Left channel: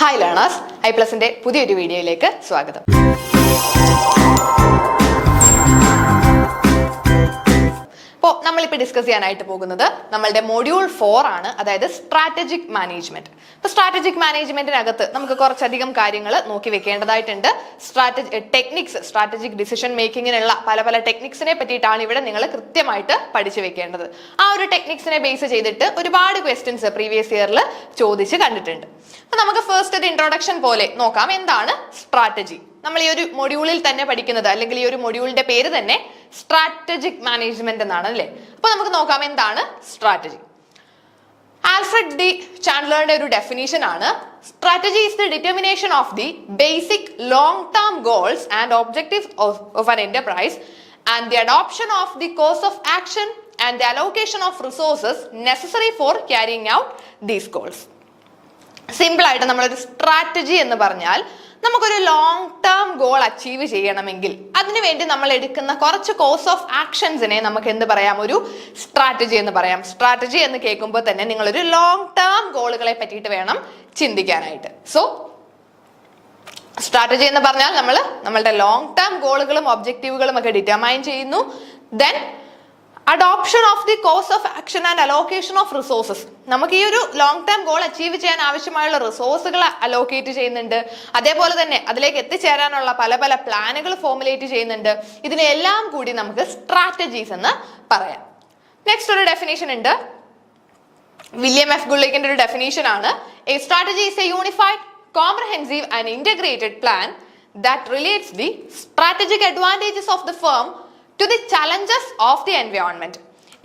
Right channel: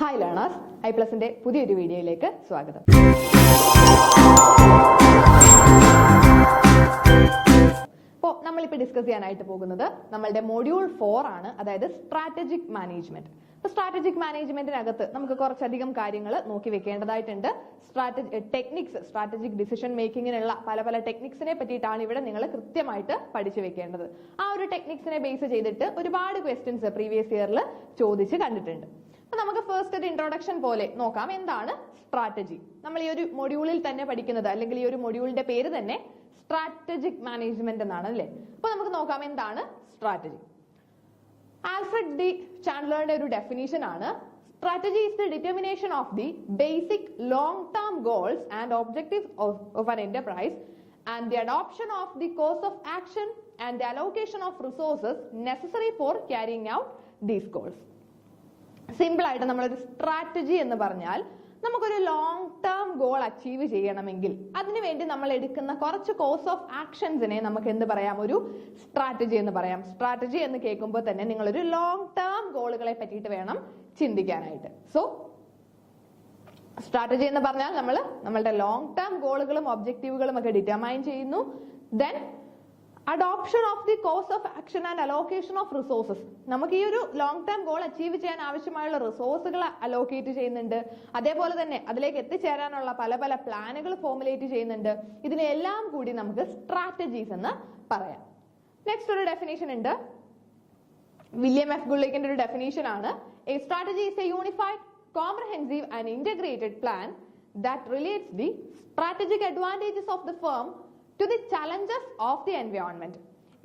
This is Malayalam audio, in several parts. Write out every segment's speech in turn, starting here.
ഹായ് ലേണേഴ്സ്, ഐപ്ലസിന്റെ പുതിയൊരു വീഡിയോയിലേക്ക് സ്വാഗതം. അപ്പോൾ നമ്മളിപ്പോൾ ഡിസ്കസ് ചെയ്യാനായിട്ട് പോകുന്നത് നമ്മളുടെ മൊഡ്യൂൾ 4 ആണ്, അതായത് സ്ട്രാറ്റജിക് മാനേജ്മെന്റ്. അപ്പോൾ സ്ട്രാറ്റജിക് മാനേജ്മെന്റിനകത്ത് നമുക്ക് കുറച്ചധികം കാര്യങ്ങൾ നോക്കി വെക്കേണ്ടതായിട്ടുണ്ട്. സ്ട്രാറ്റജിക് ഡിസിഷൻ മേക്കിങ്ങിനുള്ള പല പല ടെക്നിക്സിനെ പറ്റിയിട്ടാണ് ഇവിടെ നിങ്ങൾ കൃത്യമായിട്ട് പഠിച്ചു വെക്കേണ്ടത്. ആ ഒരു ടെക്നിക്സിനെ ബേസ് ചെയ്തിട്ട് ഒരുപാട് ക്വസ്റ്റ്യൻസ് പ്രീവിയസ് ഇയറിൽ ചോദിച്ച് കണ്ടിട്ടുണ്ട്. അപ്പൊ നമുക്ക് ഫസ്റ്റ് ഒരു ഇൻട്രൊഡക്ഷൻ പോലെ നോക്കാം, എന്താണ് സ്ട്രാറ്റജി. നമ്മൾ ഈ ഒരു മൊഡ്യൂളിൽ തന്നെ പഠിക്കുന്നത്, അല്ലെങ്കിൽ ഈ ഒരു മൊഡ്യൂളിന്റെ പേര് തന്നെ സ്ട്രാറ്റജിക് മാനേജ്മെന്റ് എന്നാണ് അല്ലേ. അപ്പൊ നമുക്ക് നോക്കാം എന്താണ് സ്ട്രാറ്റജി. ആൽഫ്രഡ് ഡി ചാൻഡ്ലറുടെ ഒരു ഡെഫിനിഷൻ ആണ്, strategy is the determination of the basic long term goals and objectives of an enterprise and the adoption of the course of action and the allocation of resources necessary four carrying out these goals. Simple ആയിട്ട് നമ്മളൊരു സ്ട്രാറ്റജി എന്ന് പറഞ്ഞാൽ നമുക്കൊരു ലോങ് ടേം ഗോൾ അച്ചീവ് ചെയ്യണമെങ്കിൽ അതിനുവേണ്ടി നമ്മൾ എടുക്കുന്ന കുറച്ച് കോഴ്സ് ഓഫ് ആക്ഷൻസിനെ നമുക്ക് എന്ത് പറയാം, ഒരു സ്ട്രാറ്റജി എന്ന് പറയാം. സ്ട്രാറ്റജി എന്ന് കേൾക്കുമ്പോൾ തന്നെ നിങ്ങളൊരു ലോങ് ടേം ഗോളുകളെ പറ്റിയിട്ട് വേണം ചിന്തിക്കാനായിട്ട്. സോ സ്ട്രാറ്റജി എന്ന് പറഞ്ഞാൽ നമ്മളുടെ ലോങ് ടേം ഗോളുകളും ഒബ്ജക്റ്റീവുകളും ഒക്കെ ഡിറ്റർമൈൻ ചെയ്യുന്നു. Then adoption of the course of action and allocation of resources. നമുക്ക് ഈ ഒരു ലോങ് ടേം ഗോൾ അച്ചീവ് ചെയ്യാൻ ആവശ്യമായുള്ള റിസോഴ്സുകൾ അലോക്കേറ്റ് ചെയ്യുന്നുണ്ട്. അതേപോലെ തന്നെ അതിലേക്ക് എത്തിച്ചേരാനുള്ള പല പല പ്ലാനുകൾ ഫോർമുലേറ്റ് ചെയ്യുന്നുണ്ട്. ഇതിനെല്ലാം കൂടി നമുക്ക് സ്ട്രാറ്റജീസ് എന്ന് പറയാം. നെക്സ്റ്റ് ഒരു ഡെഫിനേഷൻ ഉണ്ട്, വില്യം എഫ് ഗുള്ളിക്കിന്റെ ഒരു ഡെഫിനേഷൻ ആണ്, A strategy is A unified comprehensive and integrated plan that relates the strategic advantages of the firm to the challenges of the environment.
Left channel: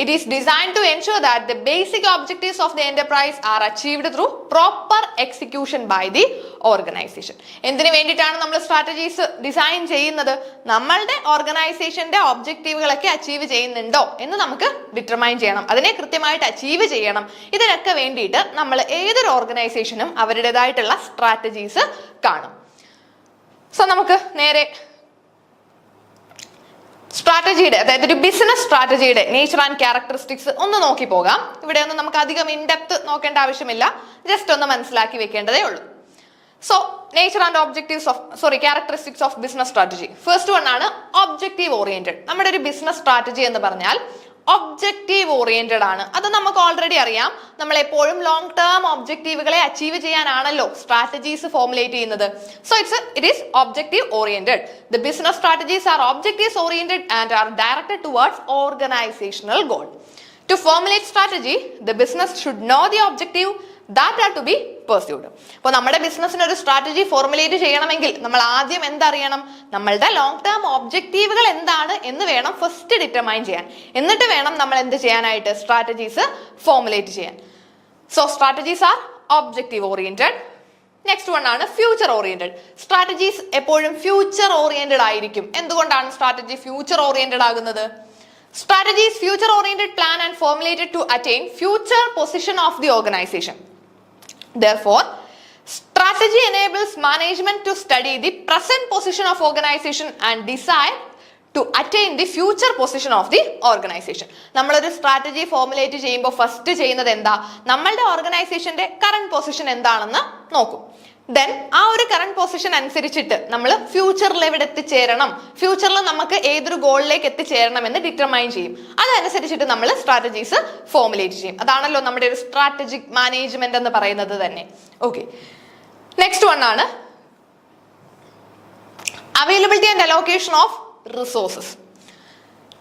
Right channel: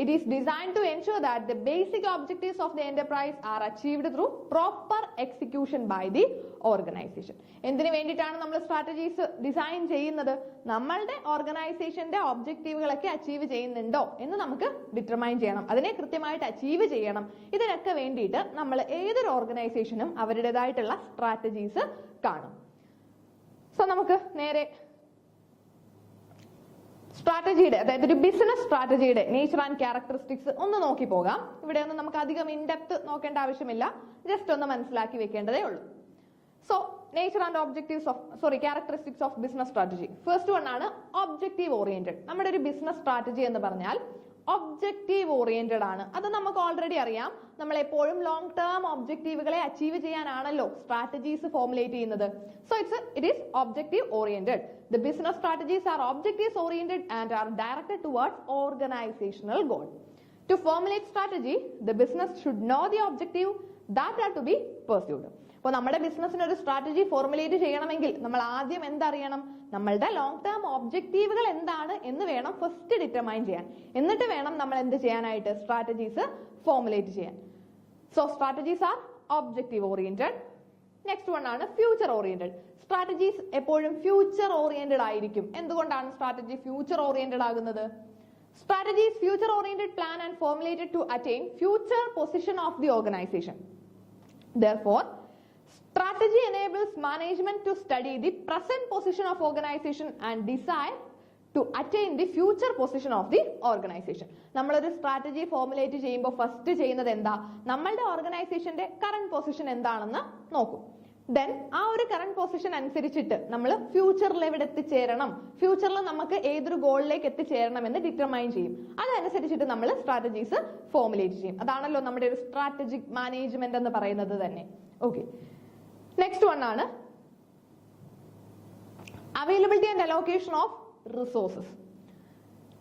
It is designed to ensure that the basic objectives of the enterprise are achieved through proper execution by the organization. എന്തിനു വേണ്ടിയിട്ടാണ് നമ്മൾ സ്ട്രാറ്റജീസ് ഡിസൈൻ ചെയ്യുന്നത്? നമ്മളുടെ ഓർഗനൈസേഷന്റെ ഒബ്ജക്റ്റീവുകളൊക്കെ അച്ചീവ് ചെയ്യുന്നുണ്ടോ എന്ന് നമുക്ക് ഡിറ്റർമൈൻ ചെയ്യണം. അതിനെ കൃത്യമായിട്ട് അച്ചീവ് ചെയ്യണം. ഇതിനൊക്കെ വേണ്ടിയിട്ട് നമ്മൾ ഏതൊരു ഓർഗനൈസേഷനും അവരുടേതായിട്ടുള്ള സ്ട്രാറ്റജീസ് കാണും. സോ നമുക്ക് നേരെ സ്ട്രാറ്റജിയുടെ, അതായത് ഒരു ബിസിനസ് സ്ട്രാറ്റജിയുടെ നേച്ചർ ആൻഡ് ക്യാരക്ടറിസ്റ്റിക്സ് ഒന്ന് നോക്കി പോകാം. ഇവിടെ ഒന്നും നമുക്ക് അധികം ഇൻഡെപ്ത് നോക്കേണ്ട ആവശ്യമില്ല, ജസ്റ്റ് ഒന്ന് മനസ്സിലാക്കി വെക്കേണ്ടതേ ഉള്ളൂ. So nature and characteristics of business strategy. First one ആണ് ഒബ്ജക്റ്റീവ് ഓറിയന്റഡ്. നമ്മുടെ ഒരു ബിസിനസ് സ്ട്രാറ്റജി എന്ന് പറഞ്ഞാൽ ഒബ്ജക്റ്റീവ് ഓറിയന്റഡ് ആണ്. അത് നമുക്ക് ഓൾറെഡി അറിയാം. നമ്മൾ എപ്പോഴും ലോങ് ടേം ഒബ്ജക്റ്റീവുകളെ അച്ചീവ് ചെയ്യാനാണല്ലോ സ്ട്രാറ്റജീസ് ഫോർമുലേറ്റ് ചെയ്യുന്നത്. So it is objective oriented. The business strategies are objectives oriented and are directed towards organisational goal. To formulate strategy, the business should know the objective that are to be pursued. അപ്പോൾ നമ്മുടെ ബിസിനസ്സിന് ഒരു സ്ട്രാറ്റജി ഫോർമുലേറ്റ് ചെയ്യണമെങ്കിൽ നമ്മൾ ആദ്യം എന്തറിയണം, നമ്മളുടെ ലോങ് ടേം ഒബ്ജക്റ്റീവുകൾ എന്താണ് എന്ന് വേണം ഫസ്റ്റ് ഡിറ്റർമൈൻ ചെയ്യാൻ. എന്നിട്ട് വേണം നമ്മൾ എന്ത് ചെയ്യാനായിട്ട്, സ്ട്രാറ്റജീസ് ഫോർമുലേറ്റ് ചെയ്യാൻ. So strategies are objective oriented. Next one ആണ് ഫ്യൂച്ചർ ഓറിയന്റഡ്. സ്ട്രാറ്റജീസ് എപ്പോഴും ഫ്യൂച്ചർ ഓറിയന്റഡ് ആയിരിക്കും. എന്തുകൊണ്ടാണ് സ്ട്രാറ്റജി ഫ്യൂച്ചർ ഓറിയന്റഡ് ആകുന്നത്? Strategy is future-oriented plan and formulated to attain future position of the organization. Therefore, strategy enables management to study the present position of organization and decide to attain the future position of the organization. നമ്മളൊരു സ്ട്രാറ്റജി ഫോർമുലേറ്റ് ചെയ്യുമ്പോൾ ഫസ്റ്റ് ചെയ്യുന്നത് എന്താ, നമ്മളുടെ ഓർഗനൈസേഷന്റെ കറന്റ് പൊസിഷൻ എന്താണെന്ന് നോക്കും. ദെൻ ആ ഒരു കറന്റ് പൊസിഷൻ അനുസരിച്ചിട്ട് നമ്മൾ ഫ്യൂച്ചറിൽ എവിടെ എത്തിച്ചേരണം, ഫ്യൂച്ചറിൽ നമുക്ക് ഏതൊരു ഗോളിലേക്ക് എത്തിച്ചേരണം എന്ന് ഡിറ്റർമൈൻ ചെയ്യും. അതനുസരിച്ചിട്ട് നമ്മൾ സ്ട്രാറ്റജീസ് ഫോർമുലേറ്റ് ചെയ്യും. അതാണല്ലോ നമ്മുടെ ഒരു സ്ട്രാറ്റജിക് മാനേജ്മെന്റ് എന്ന് പറയുന്നത് തന്നെ. ഓക്കെ, നെക്സ്റ്റ് വൺ ആണ് availability and allocation of resources.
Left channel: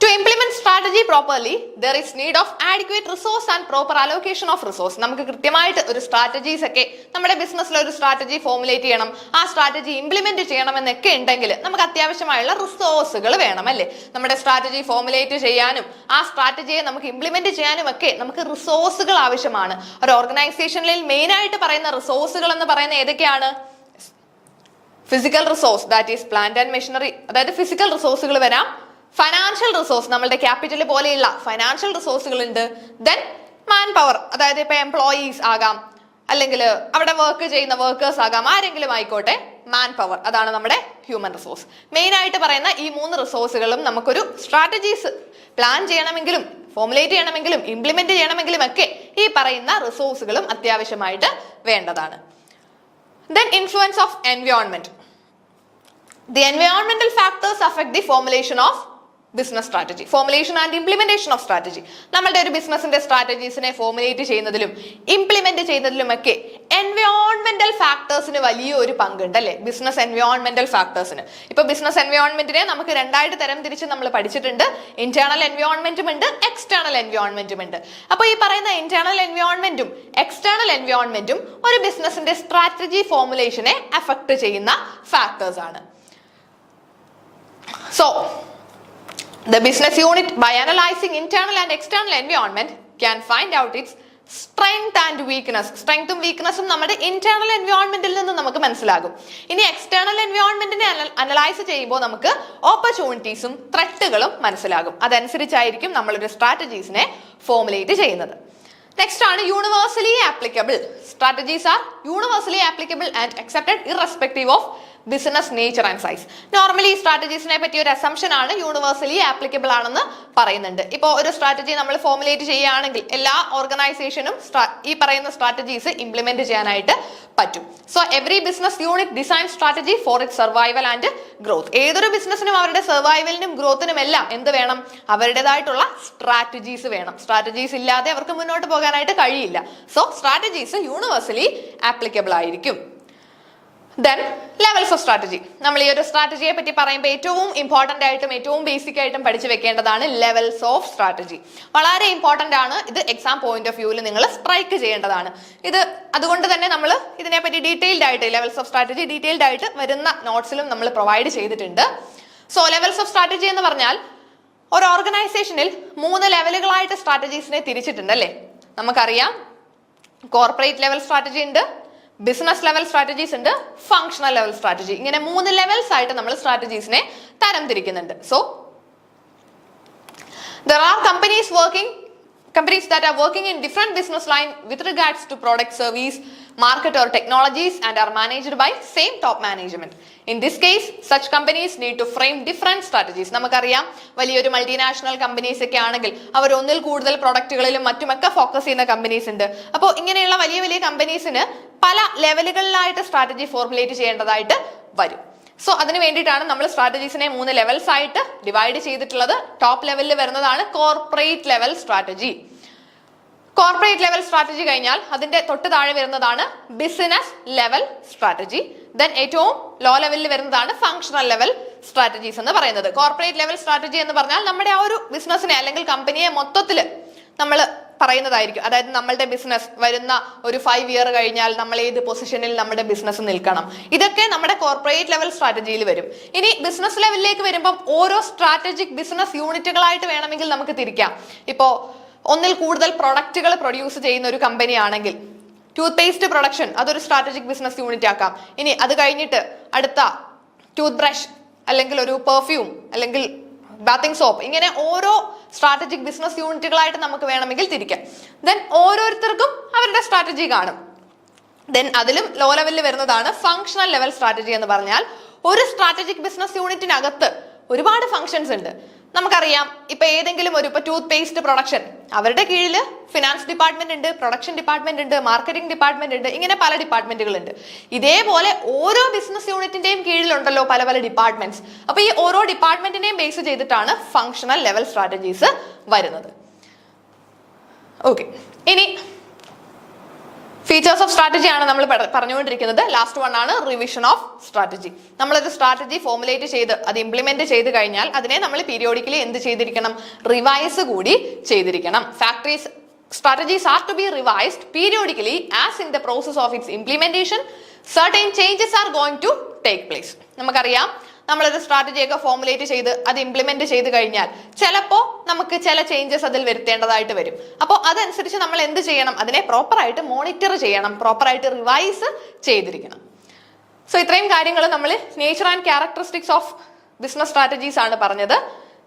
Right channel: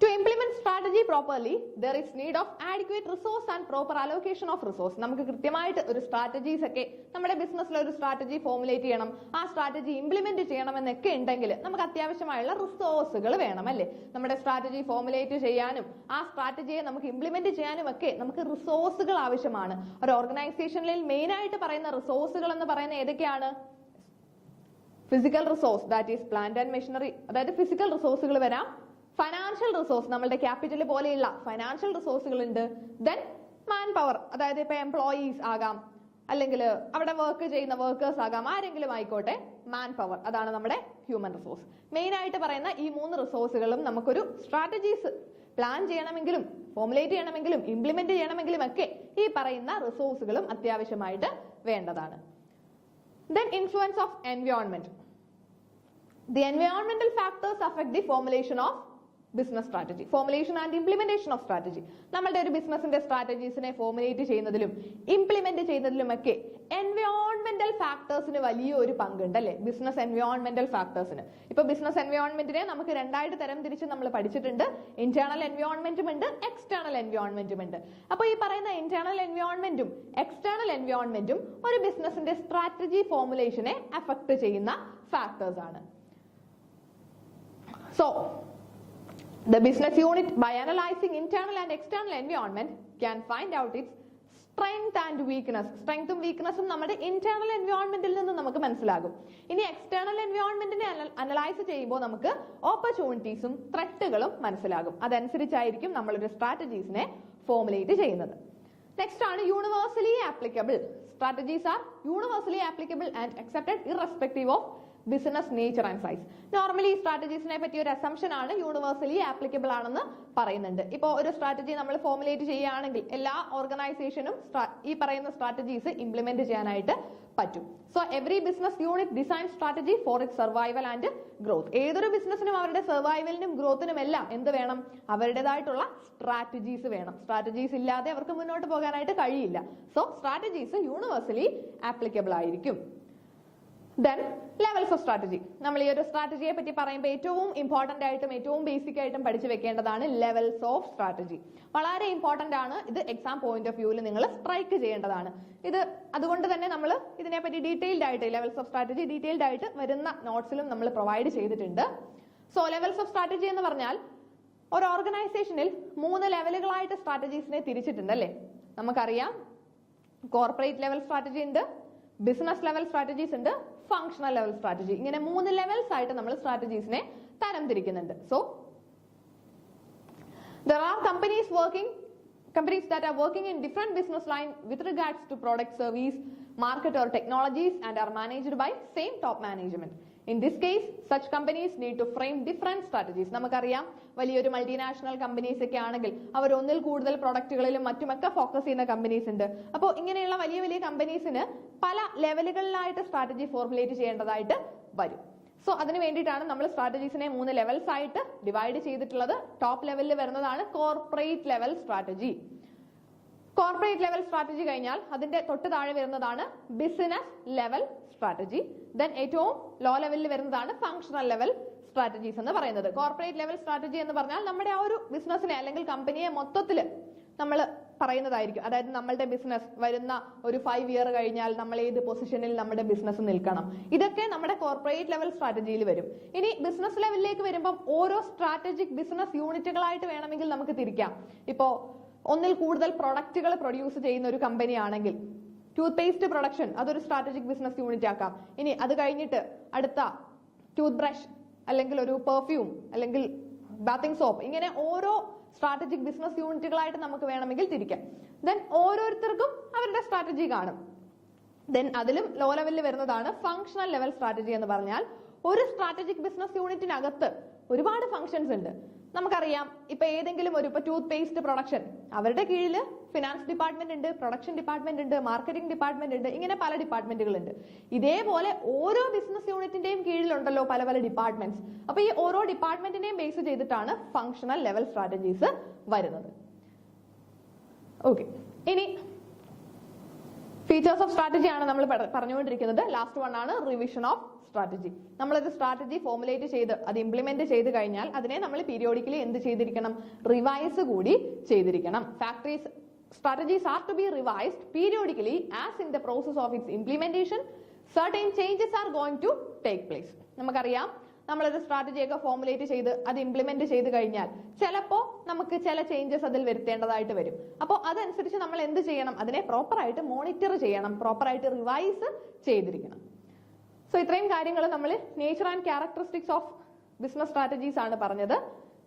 To implement strategy properly, there is need of adequate resource and proper allocation of resource. നമുക്ക് കൃത്യമായിട്ട് ഒരു സ്ട്രാറ്റജീസ് ഒക്കെ നമ്മുടെ ബിസിനസ്സിൽ ഒരു സ്ട്രാറ്റജി ഫോർമുലേറ്റ് ചെയ്യണം, ആ സ്ട്രാറ്റജി ഇംപ്ലിമെന്റ് ചെയ്യണം എന്നൊക്കെ ഉണ്ടെങ്കിൽ നമുക്ക് അത്യാവശ്യമായുള്ള റിസോഴ്സുകൾ വേണം അല്ലേ. നമ്മുടെ സ്ട്രാറ്റജി ഫോർമുലേറ്റ് ചെയ്യാനും ആ സ്ട്രാറ്റജിയെ നമുക്ക് ഇംപ്ലിമെന്റ് ചെയ്യാനും ഒക്കെ നമുക്ക് റിസോഴ്സുകൾ ആവശ്യമാണ്. ഒരു ഓർഗനൈസേഷനിൽ മെയിൻ ആയിട്ട് പറയുന്ന റിസോഴ്സുകൾ എന്ന് പറയുന്ന ഏതൊക്കെയാണ്? Physical resource, that is plant and machinery, അതായത് ഫിസിക്കൽ റിസോഴ്സുകൾ വരാം. ഫൈനാൻഷ്യൽ റിസോഴ്സ്, നമ്മളുടെ ക്യാപിറ്റൽ പോലെയുള്ള ഫൈനാൻഷ്യൽ റിസോഴ്സുകൾ ഉണ്ട്. ദെൻ മാൻ പവർ, അതായത് ഇപ്പൊ എംപ്ലോയീസ് ആകാം, അല്ലെങ്കിൽ അവിടെ വർക്ക് ചെയ്യുന്ന വർക്കേഴ്സ് ആകാം, ആരെങ്കിലും ആയിക്കോട്ടെ. മാൻ പവർ, അതാണ് നമ്മുടെ ഹ്യൂമൻ റിസോഴ്സ്. മെയിൻ ആയിട്ട് പറയുന്ന ഈ 3 റിസോഴ്സുകളും നമുക്കൊരു സ്ട്രാറ്റജീസ് പ്ലാൻ ചെയ്യണമെങ്കിലും ഫോർമുലേറ്റ് ചെയ്യണമെങ്കിലും ഇംപ്ലിമെന്റ് ചെയ്യണമെങ്കിലും ഒക്കെ ഈ പറയുന്ന റിസോഴ്സുകളും അത്യാവശ്യമായിട്ട് വേണ്ടതാണ്. Then influence of environment. The environmental factors affect the formulation of business strategy. Formulation and implementation of strategy. നമ്മളുടെ ഒരു ബിസിനസിന്റെ സ്ട്രാറ്റജീസിനെ ഫോർമുലേറ്റ് ചെയ്യുന്നതിലും ഇംപ്ലിമെന്റ് ചെയ്യുന്നതിലുമൊക്കെ എൻവയോൺമെന്റൽ ഫാക്ടേഴ്സിന് വലിയൊരു പങ്കുണ്ട് അല്ലെ? ബിസിനസ് എൻവയോൺമെന്റൽ ഫാക്ടേഴ്സിന്. ഇപ്പൊ ബിസിനസ് എൻവയോൺമെന്റിനെ നമുക്ക് രണ്ടായിട്ട് തരം തിരിച്ച് നമ്മൾ പഠിച്ചിട്ടുണ്ട്. ഇന്റേണൽ എൻവയോൺമെന്റും ഉണ്ട്, എക്സ്റ്റേണൽ എൻവയോൺമെന്റും ഉണ്ട്. അപ്പൊ ഈ പറയുന്ന ഇന്റേണൽ എൻവയോൺമെന്റും എക്സ്റ്റേണൽ എൻവയോൺമെന്റും ഒരു ബിസിനസിന്റെ സ്ട്രാറ്റജി ഫോർമുലേഷനെ അഫക്ട് ചെയ്യുന്ന ഫാക്ടേഴ്സ് ആണ്. So the business unit, by analyzing internal and external environment, can find out its strength and weakness. Strength ഉം weakness ഉം നമ്മുടെ ഇന്റേണൽ എൻവയോൺമെന്റിൽ നിന്ന് നമുക്ക് മനസ്സിലാകും. ഇനി എക്സ്റ്റേണൽ എൻവയോൺമെന്റിനെ അനലൈസ് ചെയ്യുമ്പോൾ നമുക്ക് ഓപ്പർച്യൂണിറ്റീസും ത്രെറ്റുകളും മനസ്സിലാകും. അതനുസരിച്ചായിരിക്കും നമ്മളൊരു സ്ട്രാറ്റജീസിനെ ഫോർമുലേറ്റ് ചെയ്യുന്നത്. നെക്സ്റ്റ് ആണ് universally applicable. Strategies are universally applicable and accepted irrespective of business nature and size. Normally ഈ സ്ട്രാറ്റജീസിനെ പറ്റിയ ഒരു അസംഷൻ ആണ് യൂണിവേഴ്സലി ആപ്ലിക്കബിൾ ആണെന്ന് പറയുന്നുണ്ട്. ഇപ്പോൾ ഒരു സ്ട്രാറ്റജി നമ്മൾ ഫോർമുലേറ്റ് ചെയ്യുകയാണെങ്കിൽ എല്ലാ ഓർഗനൈസേഷനും ഈ പറയുന്ന സ്ട്രാറ്റജീസ് ഇംപ്ലിമെന്റ് ചെയ്യാനായിട്ട് പറ്റും. So every business unit design strategy for it survival and growth. ഏതൊരു ബിസിനസിനും അവരുടെ സർവൈവലിനും ഗ്രോത്തിനും എല്ലാം എന്ത് വേണം? അവരുടേതായിട്ടുള്ള സ്ട്രാറ്റജീസ് വേണം. സ്ട്രാറ്റജീസ് ഇല്ലാതെ അവർക്ക് മുന്നോട്ട് പോകാനായിട്ട് കഴിയില്ല. സോ സ്ട്രാറ്റജീസ് യൂണിവേഴ്സലി ആപ്ലിക്കബിൾ ആയിരിക്കും. Then levels of strategy. നമ്മൾ ഈ ഒരു സ്ട്രാറ്റജിയെ പറ്റി പറയുമ്പോൾ ഏറ്റവും ഇമ്പോർട്ടന്റ് ആയിട്ടും ഏറ്റവും ബേസിക് ആയിട്ടും പഠിച്ചു വെക്കേണ്ടതാണ് ലെവൽസ് ഓഫ് സ്ട്രാറ്റജി. വളരെ ഇമ്പോർട്ടന്റ് ആണ്. ഇത് എക്സാം പോയിന്റ് ഓഫ് വ്യൂവിൽ നിങ്ങൾ സ്ട്രൈക്ക് ചെയ്യേണ്ടതാണ്. ഇത് അതുകൊണ്ട് തന്നെ നമ്മൾ ഇതിനെപ്പറ്റി ഡീറ്റെയിൽഡ് ആയിട്ട് ലെവൽസ് ഓഫ് സ്ട്രാറ്റജി ഡീറ്റെയിൽഡ് ആയിട്ട് വരുന്ന നോട്ട്സിലും നമ്മൾ പ്രൊവൈഡ് ചെയ്തിട്ടുണ്ട്. സോ ലെവൽസ് ഓഫ് സ്ട്രാറ്റജി എന്ന് പറഞ്ഞാൽ ഒരു ഓർഗനൈസേഷനിൽ 3 ലെവലുകളായിട്ട് സ്ട്രാറ്റജീസിനെ തിരിച്ചിട്ടുണ്ട് അല്ലേ? നമുക്കറിയാം കോർപ്പറേറ്റ് ലെവൽ സ്ട്രാറ്റജി ഉണ്ട്, ബിസിനസ് ലെവൽ സ്ട്രാറ്റജീസ് ഉണ്ട്, ഫങ്ഷണൽ ലെവൽ സ്ട്രാറ്റജി. ഇങ്ങനെ 3 ലെവൽസ് ആയിട്ട് നമ്മൾ സ്ട്രാറ്റജീസിനെ തരം തിരിക്കുന്നുണ്ട്. So there are companies that are working in different business line with regards to product, service, market or technologies and are managed by same top management. In this case, such companies need to frame different strategies. നമുക്കറിയാം വലിയൊരു മൾട്ടിനാഷണൽ കമ്പനീസ് ഒക്കെ ആണെങ്കിൽ അവർ ഒന്നിൽ കൂടുതൽ പ്രൊഡക്റ്റുകളിലും മറ്റുമൊക്കെ ഫോക്കസ് ചെയ്യുന്ന കമ്പനീസ് ഉണ്ട്. അപ്പോൾ ഇങ്ങനെയുള്ള വലിയ വലിയ കമ്പനീസിന് പല ലെവലുകളിലായിട്ട് സ്ട്രാറ്റജി ഫോർമുലേറ്റ് ചെയ്യേണ്ടതായിട്ട് വരും. സോ അതിന് വേണ്ടിയിട്ടാണ് നമ്മൾ സ്ട്രാറ്റജീസിനെ 3 ലെവൽസ് ആയിട്ട് ഡിവൈഡ് ചെയ്തിട്ടുള്ളത്. ടോപ്പ് ലെവലിൽ വരുന്നതാണ് corporate level strategy. Corporate level strategy കഴിഞ്ഞാൽ അതിന്റെ തൊട്ട് താഴെ വരുന്നതാണ് ബിസിനസ് ലെവൽ സ്ട്രാറ്റജി. ദെൻ ഏറ്റവും ലോ ലെവലിൽ വരുന്നതാണ് ഫങ്ഷണൽ ലെവൽ സ്ട്രാറ്റജീസ് എന്ന് പറയുന്നത്. കോർപ്പറേറ്റ് ലെവൽ സ്ട്രാറ്റജി എന്ന് പറഞ്ഞാൽ നമ്മുടെ ആ ഒരു ബിസിനസിനെ അല്ലെങ്കിൽ കമ്പനിയെ മൊത്തത്തിൽ നമ്മൾ പറയുന്നതായിരിക്കും. അതായത് നമ്മളുടെ ബിസിനസ് വരുന്ന ഒരു 5 ഇയർ കഴിഞ്ഞാൽ നമ്മൾ ഏത് പൊസിഷനിൽ നമ്മുടെ ബിസിനസ് നിൽക്കണം, ഇതൊക്കെ നമ്മുടെ കോർപ്പറേറ്റ് ലെവൽ സ്ട്രാറ്റജിയിൽ വരും. ഇനി ബിസിനസ് ലെവലിലേക്ക് വരുമ്പോൾ ഓരോ സ്ട്രാറ്റജിക് ബിസിനസ് യൂണിറ്റുകളായിട്ട് വേണമെങ്കിൽ നമുക്ക് തിരിക്കാം. ഇപ്പോ ഒന്നിൽ കൂടുതൽ പ്രൊഡക്റ്റുകൾ പ്രൊഡ്യൂസ് ചെയ്യുന്ന ഒരു കമ്പനി ആണെങ്കിൽ ടൂത്ത് പേസ്റ്റ് പ്രൊഡക്ഷൻ അതൊരു സ്ട്രാറ്റജിക് ബിസിനസ് യൂണിറ്റ് ആക്കാം. ഇനി അത് കഴിഞ്ഞിട്ട് അടുത്ത ടൂത്ത് ബ്രഷ് അല്ലെങ്കിൽ ഒരു പെർഫ്യൂം അല്ലെങ്കിൽ ബാത്തിങ് സോപ്പ്, ഇങ്ങനെ ഓരോ സ്ട്രാറ്റജിക് ബിസിനസ് യൂണിറ്റുകളായിട്ട് നമുക്ക് വേണമെങ്കിൽ തിരിക്കാം. ദെൻ ഓരോരുത്തർക്കും അവരുടെ സ്ട്രാറ്റജി കാണും. ദെൻ അതിലും ലോ ലെവലിൽ വരുന്നതാണ് ഫങ്ഷണൽ ലെവൽ സ്ട്രാറ്റജി എന്ന് പറഞ്ഞാൽ ഒരു സ്ട്രാറ്റജിക് ബിസിനസ് യൂണിറ്റിനകത്ത് ഒരുപാട് ഫങ്ഷൻസ് ഉണ്ട്. നമുക്കറിയാം ഇപ്പൊ ഏതെങ്കിലും ഒരു ടൂത്ത് പേസ്റ്റ് പ്രൊഡക്ഷൻ അവരുടെ കീഴിൽ ഫിനാൻസ് ഡിപ്പാർട്ട്മെന്റ് ഉണ്ട്, പ്രൊഡക്ഷൻ ഡിപ്പാർട്ട്മെന്റ് ഉണ്ട്, മാർക്കറ്റിംഗ് ഡിപ്പാർട്ട്മെന്റ് ഉണ്ട്, ഇങ്ങനെ പല ഡിപ്പാർട്ട്മെന്റുകൾ ഉണ്ട്. ഇതേപോലെ ഓരോ ബിസിനസ് യൂണിറ്റിന്റെയും കീഴിലുണ്ടല്ലോ പല പല ഡിപ്പാർട്ട്മെന്റ്സ്. അപ്പൊ ഈ ഓരോ ഡിപ്പാർട്ട്മെന്റിനെയും ബേസ് ചെയ്തിട്ടാണ് ഫങ്ഷണൽ ലെവൽ സ്ട്രാറ്റജീസ് വരുന്നത്. ഓക്കെ, ഇനി ഫീച്ചേഴ്സ് ഓഫ് സ്ട്രാറ്റജി ആണ് നമ്മൾ പറഞ്ഞുകൊണ്ടിരിക്കുന്നത്. ലാസ്റ്റ് വൺ ആണ് റിവിഷൻ ഓഫ് സ്ട്രാറ്റജി. നമ്മളൊരു സ്ട്രാറ്റജി ഫോർമുലേറ്റ് ചെയ്ത് അത് ഇംപ്ലിമെന്റ് ചെയ്ത് കഴിഞ്ഞാൽ അതിനെ നമ്മൾ പീരിയോഡിക്കലി എന്ത് ചെയ്തിരിക്കണം? റിവൈസ് കൂടി ചെയ്തിരിക്കണം. Strategies are to be revised periodically as in the process of its implementation certain changes are going to take place. നമുക്കറിയാം നമ്മളൊരു സ്ട്രാറ്റജിയൊക്കെ ഫോർമുലേറ്റ് ചെയ്ത് അത് ഇംപ്ലിമെന്റ് ചെയ്ത് കഴിഞ്ഞാൽ ചിലപ്പോൾ നമുക്ക് ചില ചേഞ്ചസ് അതിൽ വരുത്തേണ്ടതായിട്ട് വരും. അപ്പോൾ അതനുസരിച്ച് നമ്മൾ എന്ത് ചെയ്യണം? അതിനെ പ്രോപ്പറായിട്ട് മോണിറ്റർ ചെയ്യണം, പ്രോപ്പറായിട്ട് റിവൈസ് ചെയ്തിരിക്കണം. സോ ഇത്രയും കാര്യങ്ങൾ നമ്മൾ nature and characteristics of business strategies ആണ് പറഞ്ഞത്.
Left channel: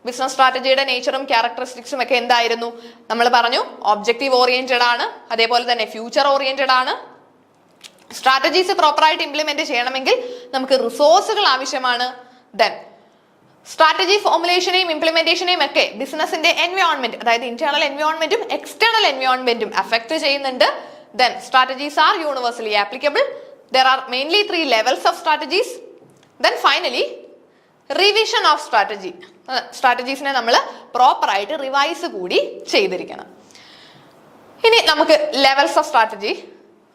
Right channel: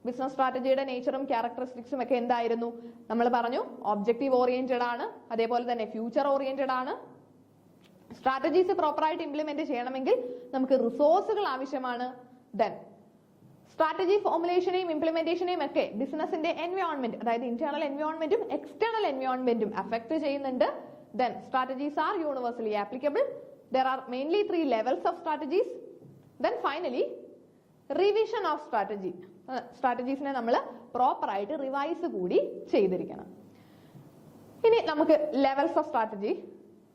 ബിസിനസ് സ്ട്രാറ്റജിയുടെ നേച്ചറും ക്യാരക്ടറിസ്റ്റിക്സും ഒക്കെ എന്തായിരുന്നു? നമ്മൾ പറഞ്ഞു ഒബ്ജക്റ്റീവ് ഓറിയന്റഡ് ആണ്, അതേപോലെ തന്നെ ഫ്യൂച്ചർ ഓറിയന്റഡ് ആണ്. സ്ട്രാറ്റജീസ് പ്രോപ്പറായിട്ട് ഇംപ്ലിമെന്റ് ചെയ്യണമെങ്കിൽ നമുക്ക് റിസോഴ്സുകൾ ആവശ്യമാണ്. ദെൻ സ്ട്രാറ്റജി ഫോർമുലേഷനെയും ഇംപ്ലിമെന്റേഷനെയും ഒക്കെ ബിസിനസിന്റെ എൻവയോൺമെന്റ്, അതായത് ഇന്റേണൽ എൻവയോൺമെന്റും എക്സ്റ്റേണൽ എൻവയോൺമെന്റും അഫക്ട് ചെയ്യുന്നുണ്ട്. Then strategies are universally applicable. there are mainly 3 levels of strategies. Then finally, revision of strategy. സ്ട്രാറ്റജീസിനെ നമ്മൾ പ്രോപ്പർ ആയിട്ട് റിവൈസ് കൂടി ചെയ്തിരിക്കണം. ഇനി നമുക്ക് ലെവൽസ് ഓഫ് സ്ട്രാറ്റജി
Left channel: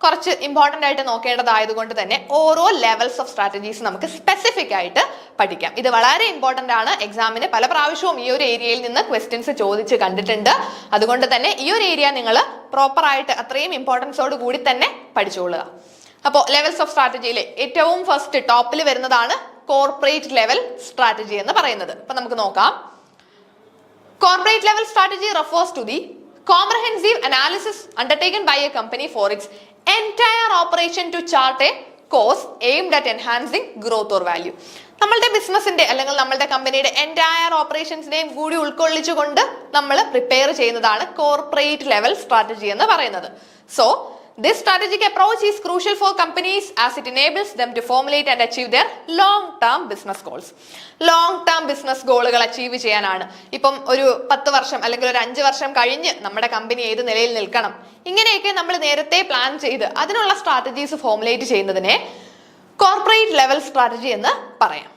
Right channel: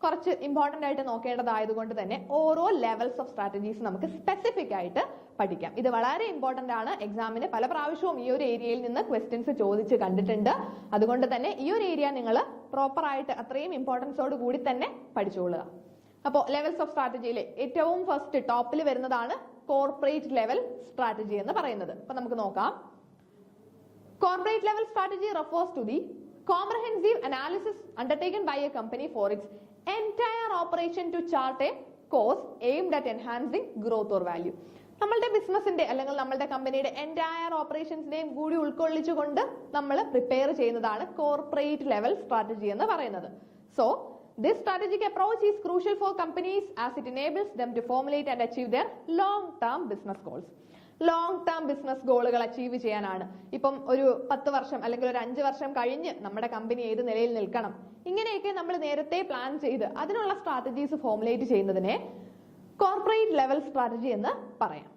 കുറച്ച് ഇമ്പോർട്ടൻ്റ് ആയിട്ട് നോക്കേണ്ടതായതുകൊണ്ട് തന്നെ ഓരോ ലെവൽസ് ഓഫ് സ്ട്രാറ്റജീസ് നമുക്ക് സ്പെസിഫിക് ആയിട്ട് പഠിക്കാം. ഇത് വളരെ ഇമ്പോർട്ടൻ്റ് ആണ്. എക്സാമിന് പല പ്രാവശ്യവും ഈ ഒരു ഏരിയയിൽ നിന്ന് ക്വസ്റ്റ്യൻസ് ചോദിച്ച് കണ്ടിട്ടുണ്ട്. അതുകൊണ്ട് തന്നെ ഈ ഒരു ഏരിയ നിങ്ങൾ പ്രോപ്പർ ആയിട്ട് അത്രയും ഇമ്പോർട്ടൻസോട് കൂടി തന്നെ പഠിച്ചോളുക. അപ്പോൾ ലെവൽസ് ഓഫ് സ്ട്രാറ്റജിയിലെ ഏറ്റവും ഫസ്റ്റ് ടോപ്പിൽ വരുന്നതാണ് കോർപ്പറേറ്റ് ലെവൽ സ്ട്രാറ്റജി എന്ന് പറയുന്നത്. അപ്പൊ നമുക്ക് നോക്കാം. Corporate level strategy refers to the comprehensive analysis undertaken by a company for its entire operation to chart a course aimed at enhancing growth or value. നമ്മളുടെ ബിസിനസിന്റെ അല്ലെങ്കിൽ നമ്മളുടെ കമ്പനിയുടെ എൻറ്റയർ ഓപ്പറേഷൻസിനെയും കൂടി ഉൾക്കൊള്ളിച്ചുകൊണ്ട് നമ്മൾ പ്രിപ്പയർ ചെയ്യുന്നതാണ് കോർപ്പറേറ്റ് ലെവൽ സ്ട്രാറ്റജി എന്ന് പറയുന്നത്. So this strategic approach is crucial for companies as it enables them to formulate and achieve their long-term business goals. Long-term business goals achieve ചെയ്യാനാണ്. ഇപ്പം ഒരു 10 വർഷം അല്ലെങ്കിൽ ഒരു 5 വർഷം കഴിഞ്ഞ് നമ്മുടെ കമ്പനി ഏത് നിലയിൽ നിൽക്കണം, ഇങ്ങനെയൊക്കെ നമ്മൾ നേരത്തെ പ്ലാൻ ചെയ്ത് അതിനുള്ള സ്ട്രാറ്റജീസ് ഫോർമുലേറ്റ് ചെയ്യുന്നതിനെ കോർപ്പറേറ്റ് ലെവൽ സ്ട്രാറ്റജി എന്ന് പറയാം.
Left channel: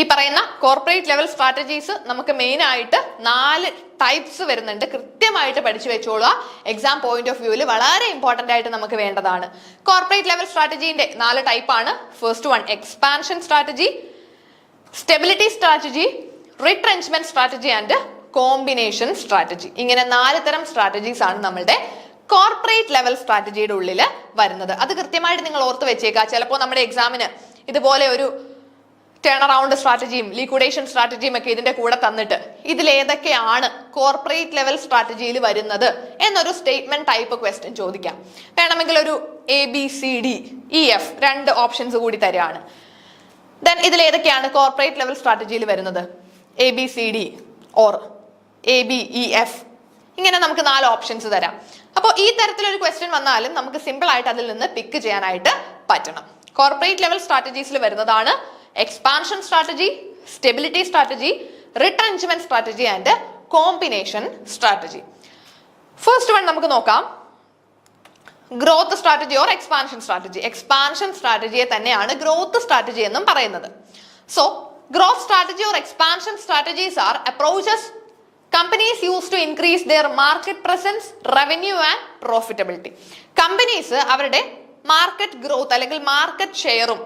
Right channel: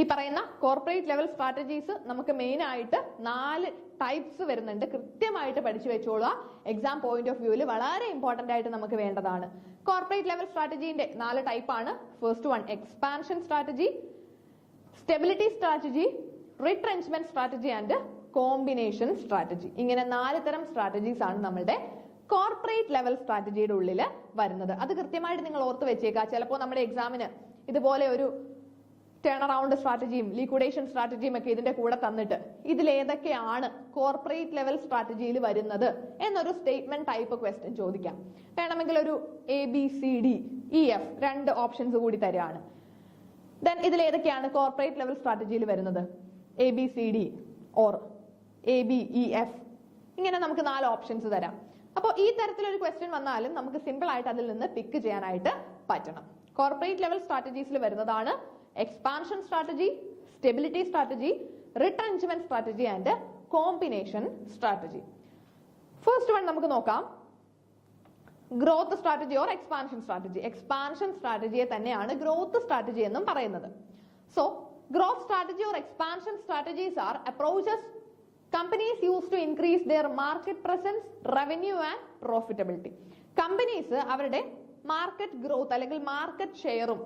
ഈ പറയുന്ന കോർപ്പറേറ്റ് ലെവൽ സ്ട്രാറ്റജീസ് നമുക്ക് മെയിൻ ആയിട്ട് 4 ടൈപ്സ് വരുന്നുണ്ട്. കൃത്യമായിട്ട് പഠിച്ചു വെച്ചോളുക. എക്സാം പോയിന്റ് ഓഫ് വ്യൂവിൽ വളരെ ഇമ്പോർട്ടൻ്റ് ആയിട്ട് നമുക്ക് വേണ്ടതാണ്. കോർപ്പറേറ്റ് ലെവൽ സ്ട്രാറ്റജീന്റെ 4 ടൈപ്പാണ്. First one expansion strategy, stability strategy, retrenchment strategy and combination strategy. ഇങ്ങനെ 4 തരം സ്ട്രാറ്റജീസ് ആണ് നമ്മളുടെ കോർപ്പറേറ്റ് ലെവൽ സ്ട്രാറ്റജിയുടെ ഉള്ളിൽ വരുന്നത്. അത് കൃത്യമായിട്ട് നിങ്ങൾ ഓർത്ത് വെച്ചേക്കുക. ചിലപ്പോൾ നമ്മുടെ എക്സാമിന് ഇതുപോലെ ഒരു ടേൺ അറൗണ്ട് സ്ട്രാറ്റജിയും ലിക്വിഡേഷൻ സ്ട്രാറ്റജിയും ഒക്കെ ഇതിന്റെ കൂടെ തന്നിട്ട് ഇതിലേതൊക്കെയാണ് കോർപ്പറേറ്റ് ലെവൽ സ്ട്രാറ്റജിയിൽ വരുന്നത് എന്നൊരു സ്റ്റേറ്റ്മെന്റ് ടൈപ്പ് ക്വസ്റ്റ്യൻ ചോദിക്കാം. വേണമെങ്കിൽ ഒരു ABCDEF 2 ഓപ്ഷൻസ് കൂടി തരാണ്. ദെൻ ഇതിലേതൊക്കെയാണ് കോർപ്പറേറ്റ് ലെവൽ സ്ട്രാറ്റജിയിൽ വരുന്നത്? ABCD ഓർ ABEF, ഇങ്ങനെ നമുക്ക് 4 ഓപ്ഷൻസ് തരാം. അപ്പോൾ ഈ തരത്തിലൊരു ക്വസ്റ്റ്യൻ വന്നാലും നമുക്ക് സിമ്പിൾ ആയിട്ട് അതിൽ നിന്ന് പിക്ക് ചെയ്യാനായിട്ട് പറ്റണം. കോർപ്പറേറ്റ് ലെവൽ സ്ട്രാറ്റജീസിൽ വരുന്നതാണ് expansion strategy, stability strategy, retrenchment strategy and combination strategy. First one നമുക്ക് നോക്കാം. Growth strategy or expansion strategy. Expansion സ്ട്രാറ്റജിയെ തന്നെയാണ് ഗ്രോത്ത് സ്ട്രാറ്റജി എന്നും പറയുന്നത്. So growth strategy or expansion strategies are approaches companies use to increase their market presence, revenue and profitability. Companies അവരുടെ മാർക്കറ്റ് ഗ്രോത്ത് അല്ലെങ്കിൽ മാർക്കറ്റ് ഷെയറും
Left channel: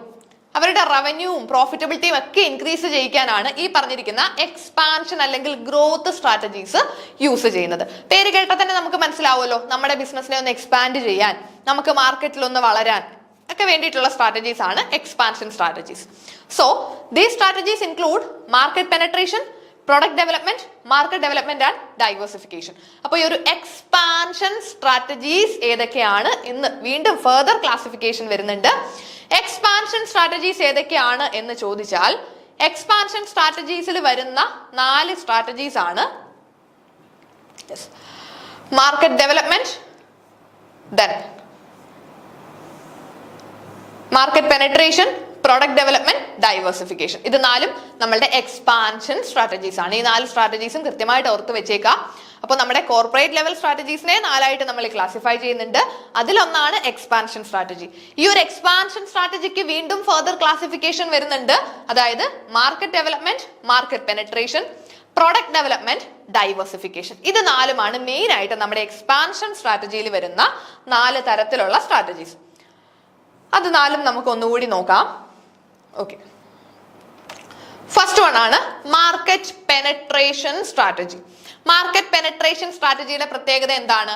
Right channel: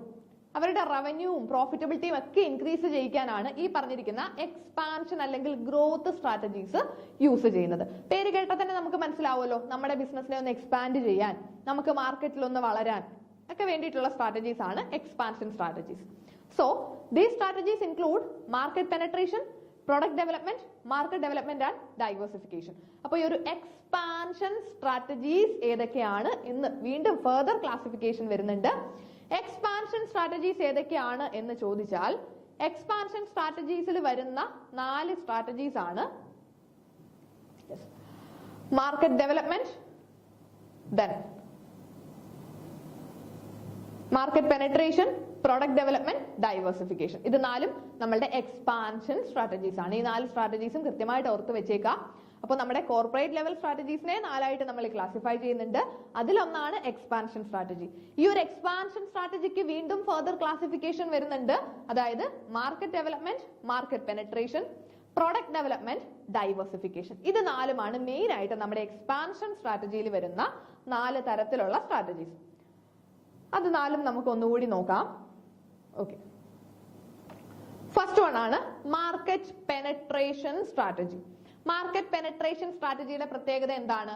അവരുടെ റവന്യൂവും പ്രോഫിറ്റബിലിറ്റിയും ഒക്കെ ഇൻക്രീസ് ചെയ്യിക്കാനാണ് ഈ പറഞ്ഞിരിക്കുന്ന എക്സ്പാൻഷൻ അല്ലെങ്കിൽ ഗ്രോത്ത് സ്ട്രാറ്റജീസ് യൂസ് ചെയ്യുന്നത്. പേര് കേട്ടാൽ തന്നെ നമുക്ക് മനസ്സിലാവുമല്ലോ, നമ്മുടെ ബിസിനസ്സിനെ ഒന്ന് എക്സ്പാൻഡ് ചെയ്യാൻ, നമുക്ക് മാർക്കറ്റിൽ ഒന്ന് വളരാൻ ഒക്കെ വേണ്ടിയിട്ടുള്ള സ്ട്രാറ്റജീസ് ആണ് expansion strategies. So these strategies include market penetration, product development, market development and diversification. അപ്പോൾ ഈ ഒരു എക്സ്പാൻഷൻ സ്ട്രാറ്റജീസ് ഏതൊക്കെയാണ് എന്ന് വീണ്ടും ഫർദർ ക്ലാസിഫിക്കേഷൻ വരുന്നുണ്ട്. എക്സ്പാൻഷൻ സ്ട്രാറ്റജീസ് ഏതൊക്കെയാണ് എന്ന് ചോദിച്ചാൽ എക്സ്പാൻഷൻ സ്ട്രാറ്റജീസിൽ വരുന്ന 4 സ്ട്രാറ്റജീസ് ആണ് market development, then market penetration, product development, diversification. ഇത് 4 നമ്മളുടെ എക്സ്പാൻഷൻ സ്ട്രാറ്റജീസ് ആണ്. ഈ 4 സ്ട്രാറ്റജീസും കൃത്യമായിട്ട് ഓർത്ത് വെച്ചേക്കാം. അപ്പോൾ നമ്മുടെ കോർപ്പറേറ്റ് ലെവൽ സ്ട്രാറ്റജീസിനെ 4 ആയിട്ട് നമ്മൾ ക്ലാസിഫൈ ചെയ്യുന്നുണ്ട്. അതിലൊന്നാണ് എക്സ്പാൻഷൻ സ്ട്രാറ്റജി. ഈ ഒരു എക്സ്പാൻഷൻ സ്ട്രാറ്റജിക്ക് വീണ്ടും ഫർദർ ക്ലാസിഫിക്കേഷൻ വരുന്നുണ്ട്. അതായത് market development, market penetration, product development, diversification. ഇത് 4 മെയിൻ ആയിട്ട് നമ്മുടെ എക്സ്പാൻഷൻ സ്ട്രാറ്റജിയിൽ വരുന്ന 4 തരത്തിലുള്ള സ്ട്രാറ്റജീസ്. അത് 4 നമുക്ക് ഒന്നുകൂടി നോക്കാം. ഓക്കെ, ഫസ്റ്റ് വൺ ആണ് market penetration strategy. Market penetration സ്ട്രാറ്റജിയുടെ പ്രത്യേകത എന്താണ്?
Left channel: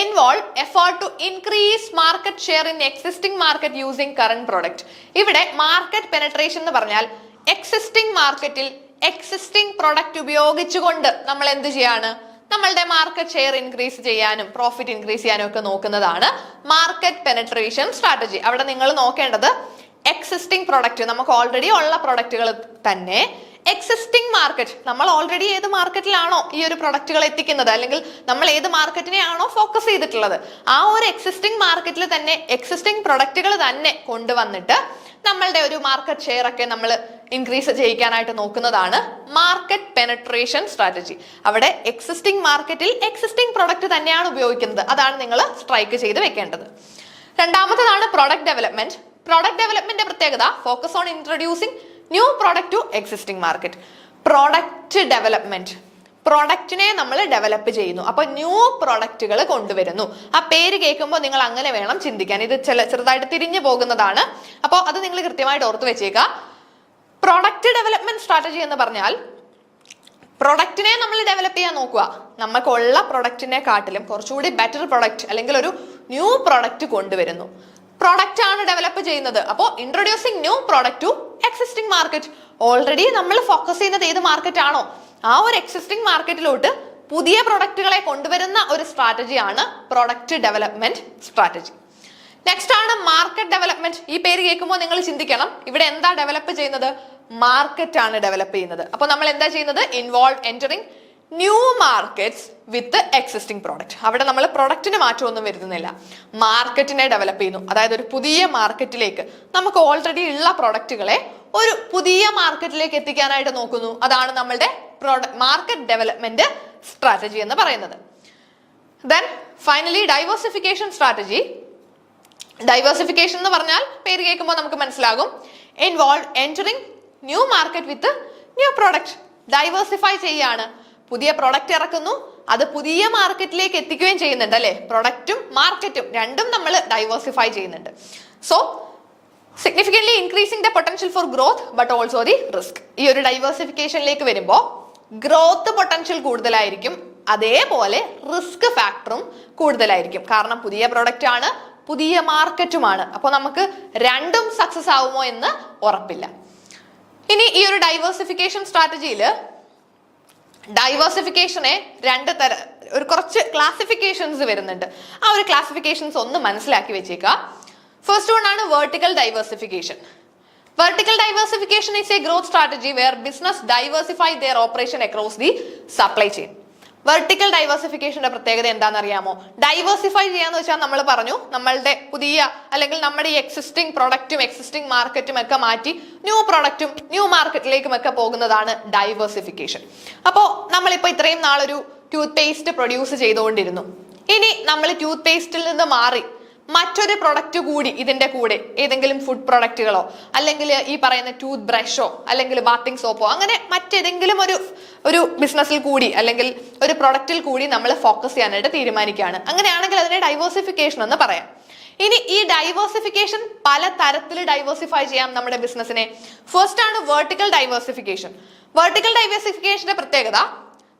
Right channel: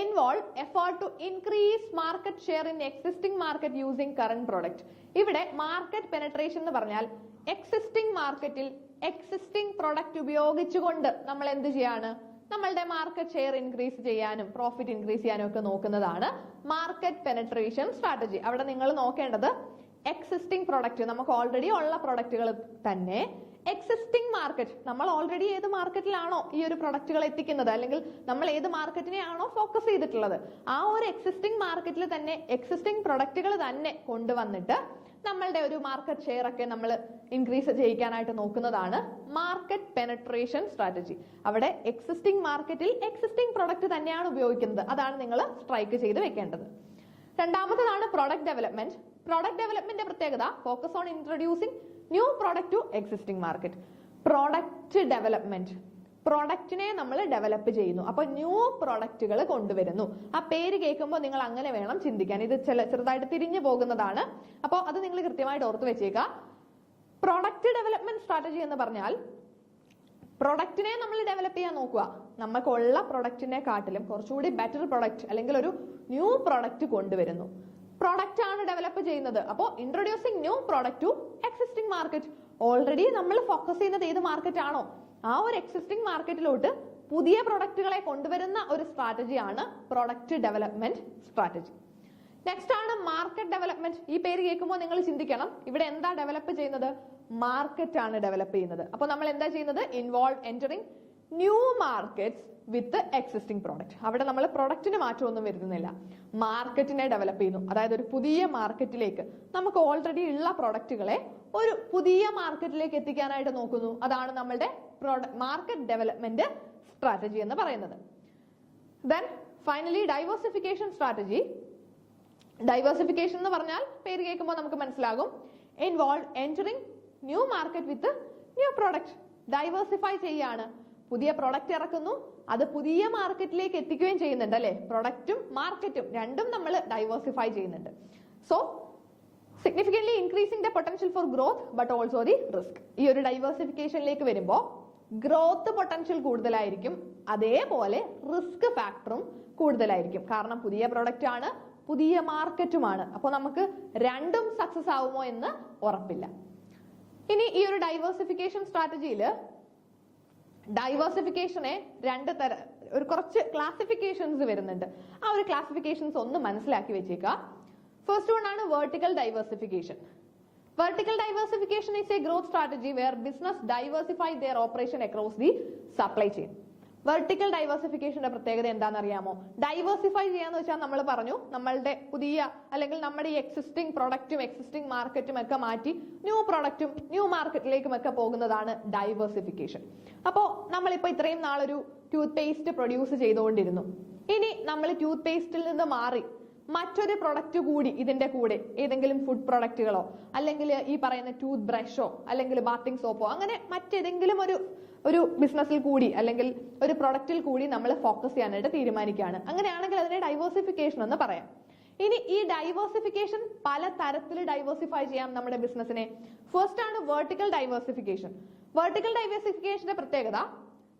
Involve effort to increase market share in existing market using current product. ഇവിടെ മാർക്കറ്റ് പെനട്രേഷൻ എന്ന് പറഞ്ഞാൽ എക്സിസ്റ്റിംഗ് മാർക്കറ്റിൽ എക്സിസ്റ്റിംഗ് പ്രൊഡക്റ്റ് ഉപയോഗിച്ചുകൊണ്ട് നമ്മൾ എന്ത് ചെയ്യാണ്? നമ്മളുടെ മാർക്കറ്റ് ഷെയർ ഇൻക്രീസ് ചെയ്യാനും പ്രോഫിറ്റ് ഇൻക്രീസ് ചെയ്യാനും ഒക്കെ നോക്കുന്നതാണ് മാർക്കറ്റ് പെനട്രേഷൻ സ്ട്രാറ്റജി. അവിടെ നിങ്ങൾ നോക്കേണ്ടത് എക്സിസ്റ്റിംഗ് പ്രൊഡക്റ്റ്, നമുക്ക് ഓൾറെഡി ഉള്ള പ്രൊഡക്റ്റുകൾ തന്നെ എക്സിസ്റ്റിംഗ് മാർക്കറ്റ്, നമ്മൾ ഓൾറെഡി ഏത് മാർക്കറ്റിലാണോ ഈ ഒരു പ്രൊഡക്റ്റുകൾ എത്തിക്കുന്നത് അല്ലെങ്കിൽ നമ്മൾ ഏത് മാർക്കറ്റിനെയാണോ ഫോക്കസ് ചെയ്തിട്ടുള്ളത് ആ ഒരു എക്സിസ്റ്റിംഗ് മാർക്കറ്റിൽ തന്നെ എക്സിസ്റ്റിംഗ് പ്രൊഡക്റ്റുകൾ തന്നെ കൊണ്ടുവന്നിട്ട് നമ്മളുടെ ഒരു മാർക്കറ്റ് ഷെയർ ഒക്കെ നമ്മൾ ഇൻക്രീസ് ചെയ്യിക്കാനായിട്ട് നോക്കുന്നതാണ് മാർക്കറ്റ് പെനട്രേഷൻ സ്ട്രാറ്റജി. അവിടെ എക്സിസ്റ്റിംഗ് മാർക്കറ്റിൽ എക്സിസ്റ്റിംഗ് പ്രൊഡക്റ്റ് തന്നെയാണ് ഉപയോഗിക്കുന്നത്. അതാണ് നിങ്ങൾ സ്ട്രൈക്ക് ചെയ്ത് വെക്കേണ്ടത്. രണ്ടാമത്തേതാണ് പ്രോഡക്റ്റ് ഡെവലപ്മെന്റ്. പ്രോഡക്റ്റ് ഡെവലപ്മെന്റിന്റെ പ്രത്യേകത focus on introducing new product to existing market. Product development, പ്രൊഡക്റ്റിനെ നമ്മൾ ഡെവലപ്പ് ചെയ്യുന്നു, അപ്പൊ ന്യൂ പ്രൊഡക്റ്റുകൾ കൊണ്ടുവരുന്നു. ആ പേര് കേൾക്കുമ്പോൾ നിങ്ങൾ അങ്ങനെ വേണം ചിന്തിക്കാൻ. ഇത് ചെറുതായിട്ട് തിരിഞ്ഞു പോകുന്നതാണ്, അപ്പോൾ അത് നിങ്ങൾ കൃത്യമായിട്ട് ഓർത്ത് വെച്ചേക്കുക. പ്രൊഡക്റ്റ് ഡെവലപ്മെന്റ് സ്ട്രാറ്റജി എന്ന് പറഞ്ഞാൽ പ്രൊഡക്റ്റിനെ നമ്മൾ ഡെവലപ്പ് ചെയ്യാൻ നോക്കുക. നമുക്കുള്ള പ്രൊഡക്റ്റിനെ കാട്ടിലും കുറച്ചുകൂടി ബെറ്റർ പ്രൊഡക്റ്റ് അല്ലെങ്കിൽ ഒരു ന്യൂ പ്രൊഡക്റ്റ് കൊണ്ടുവരുന്നു. പ്രൊഡക്റ്റ് ആണ് ഡെവലപ്പ് ചെയ്യുന്നത്. അപ്പോൾ introducing new product to existing market. Already നമ്മൾ ഫോക്കസ് ചെയ്യുന്നത് ഏത് മാർക്കറ്റ് ആണോ ആ ഒരു എക്സിസ്റ്റിംഗ് മാർക്കറ്റിലോട്ട് പുതിയ പ്രൊഡക്റ്റുകളെ കൊണ്ടുവരുന്ന ഒരു സ്ട്രാറ്റജിയാണ് പ്രൊഡക്റ്റ് ഡെവലപ്മെന്റ് സ്ട്രാറ്റജി. നെക്സ്റ്റ് ആണ് മാർക്കറ്റ് ഡെവലപ്മെന്റ്. ഈ പേര് കേൾക്കുമ്പോൾ നിങ്ങൾ ചിന്തിക്കണം, ഇവിടെ എന്താ ഡെവലപ്പ് ചെയ്യുന്നത്? മാർക്കറ്റ് ആണ് ഡെവലപ്പ് ചെയ്യുന്നത്. അപ്പോൾ നമ്മൾ എന്താ ചെയ്യുന്നത്? ഇൻവോൾവ് എൻറ്ററിങ് ന്യൂ മാർക്കറ്റ്സ് വിത്ത് എക്സിസ്റ്റിംഗ് പ്രോഡക്റ്റ്. അവിടെ നമ്മൾ പ്രൊഡക്റ്റിന് മാറ്റമൊന്നും വരുത്തുന്നില്ല, മാർക്കറ്റിനെ ഡെവലപ്പ് ചെയ്യുന്നു. അതായത് ഒരു പുതിയ മാർക്കറ്റിലേക്ക് നമുക്ക് ഓൾറെഡി ഉള്ള പ്രൊഡക്റ്റുകളെ ഒരു പുതിയ മാർക്കറ്റിലേക്ക് എത്തിക്കാനായിട്ട് നോക്കുന്നു. അതാണ് നമ്മളുടെ മാർക്കറ്റ് ഡെവലപ്മെന്റ് സ്ട്രാറ്റജി എന്ന് പറയുന്നത്. Then finally diversification strategy. Diversification എന്ന് പറഞ്ഞാൽ പേര് കേൾക്കുമ്പോൾ നമുക്ക് മനസ്സിലാകും, involve entering new market with new product. Diversify ചെയ്യാണ്, പുതിയ പ്രൊഡക്റ്റ് ഇറക്കുന്നു, അത് പുതിയ മാർക്കറ്റിലേക്ക് എത്തിക്കുകയും ചെയ്യുന്നുണ്ട് അല്ലെ. പ്രൊഡക്റ്റും മാർക്കറ്റും രണ്ടും നമ്മൾ ഡൈവേഴ്സിഫൈ ചെയ്യുന്നുണ്ട്. So significantly increasing the potential for growth but also the risk. ഈ ഒരു ഡൈവേഴ്സിഫിക്കേഷനിലേക്ക് വരുമ്പോൾ ഗ്രോത്ത് പൊട്ടൻഷ്യൽ കൂടുതലായിരിക്കും, അതേപോലെ റിസ്ക് ഫാക്ടറും കൂടുതലായിരിക്കും. കാരണം പുതിയ പ്രൊഡക്റ്റ് ആണ്, പുതിയ മാർക്കറ്റുമാണ്. അപ്പോൾ നമുക്ക് രണ്ടും സക്സസ് ആവുമോ എന്ന് ഉറപ്പില്ല. ഇനി ഈ ഒരു ഡൈവേഴ്സിഫിക്കേഷൻ സ്ട്രാറ്റജിയിൽ ഡൈവേഴ്സിഫിക്കേഷനെ ഒരു കുറച്ച് ക്ലാസിഫിക്കേഷൻസ് വരുന്നുണ്ട്. ആ ഒരു ക്ലാസിഫിക്കേഷൻസ് ഒന്ന് മനസ്സിലാക്കി വെച്ചേക്കുക. ഫസ്റ്റ് വൺ ആണ് vertical diversification. Vertical diversification is a growth strategy where business diversify their operation across the supply chain. Vertical ഡൈവേഴ്സിഫിക്കേഷന്റെ പ്രത്യേകത എന്താണെന്ന് അറിയാമോ? ഡൈവേഴ്സിഫൈ ചെയ്യാന്ന് വെച്ചാൽ നമ്മൾ പറഞ്ഞു നമ്മളുടെ പുതിയ അല്ലെങ്കിൽ നമ്മുടെ ഈ എക്സിസ്റ്റിംഗ് പ്രൊഡക്റ്റും എക്സിസ്റ്റിംഗ് മാർക്കറ്റും ഒക്കെ മാറ്റി ന്യൂ പ്രൊഡക്റ്റും ന്യൂ മാർക്കറ്റിലേക്കും ഒക്കെ പോകുന്നതാണ് ഡൈവേഴ്സിഫിക്കേഷൻ. അപ്പോൾ നമ്മളിപ്പോൾ ഇത്രയും നാളൊരു ടൂത്ത് പേസ്റ്റ് പ്രൊഡ്യൂസ് ചെയ്തുകൊണ്ടിരുന്നു. ഇനി നമ്മൾ ടൂത്ത് പേസ്റ്റിൽ നിന്ന് മാറി മറ്റൊരു പ്രൊഡക്റ്റ് കൂടി ഇതിന്റെ കൂടെ ഏതെങ്കിലും ഫുഡ് പ്രൊഡക്റ്റുകളോ അല്ലെങ്കിൽ ഈ പറയുന്ന ടൂത്ത് ബ്രഷോ അല്ലെങ്കിൽ ബാത്തിങ് സോപ്പോ അങ്ങനെ മറ്റേതെങ്കിലും ഒരു ബിസിനസ്സിൽ കൂടി അല്ലെങ്കിൽ ഒരു പ്രൊഡക്റ്റിൽ കൂടി നമ്മൾ ഫോക്കസ് ചെയ്യാനായിട്ട് തീരുമാനിക്കുകയാണ്. അങ്ങനെയാണെങ്കിൽ അതിനെ ഡൈവേഴ്സിഫിക്കേഷൻ എന്ന് പറയാം. ഇനി ഈ ഡൈവേഴ്സിഫിക്കേഷൻ പല തരത്തിൽ ഡൈവേഴ്സിഫൈ ചെയ്യാം നമ്മുടെ ബിസിനസിനെ. ഫസ്റ്റ് ആണ് വെർട്ടിക്കൽ ഡൈവേഴ്സിഫിക്കേഷൻ. വെർട്ടിക്കൽ ഡൈവേഴ്സിഫിക്കേഷന്റെ പ്രത്യേകത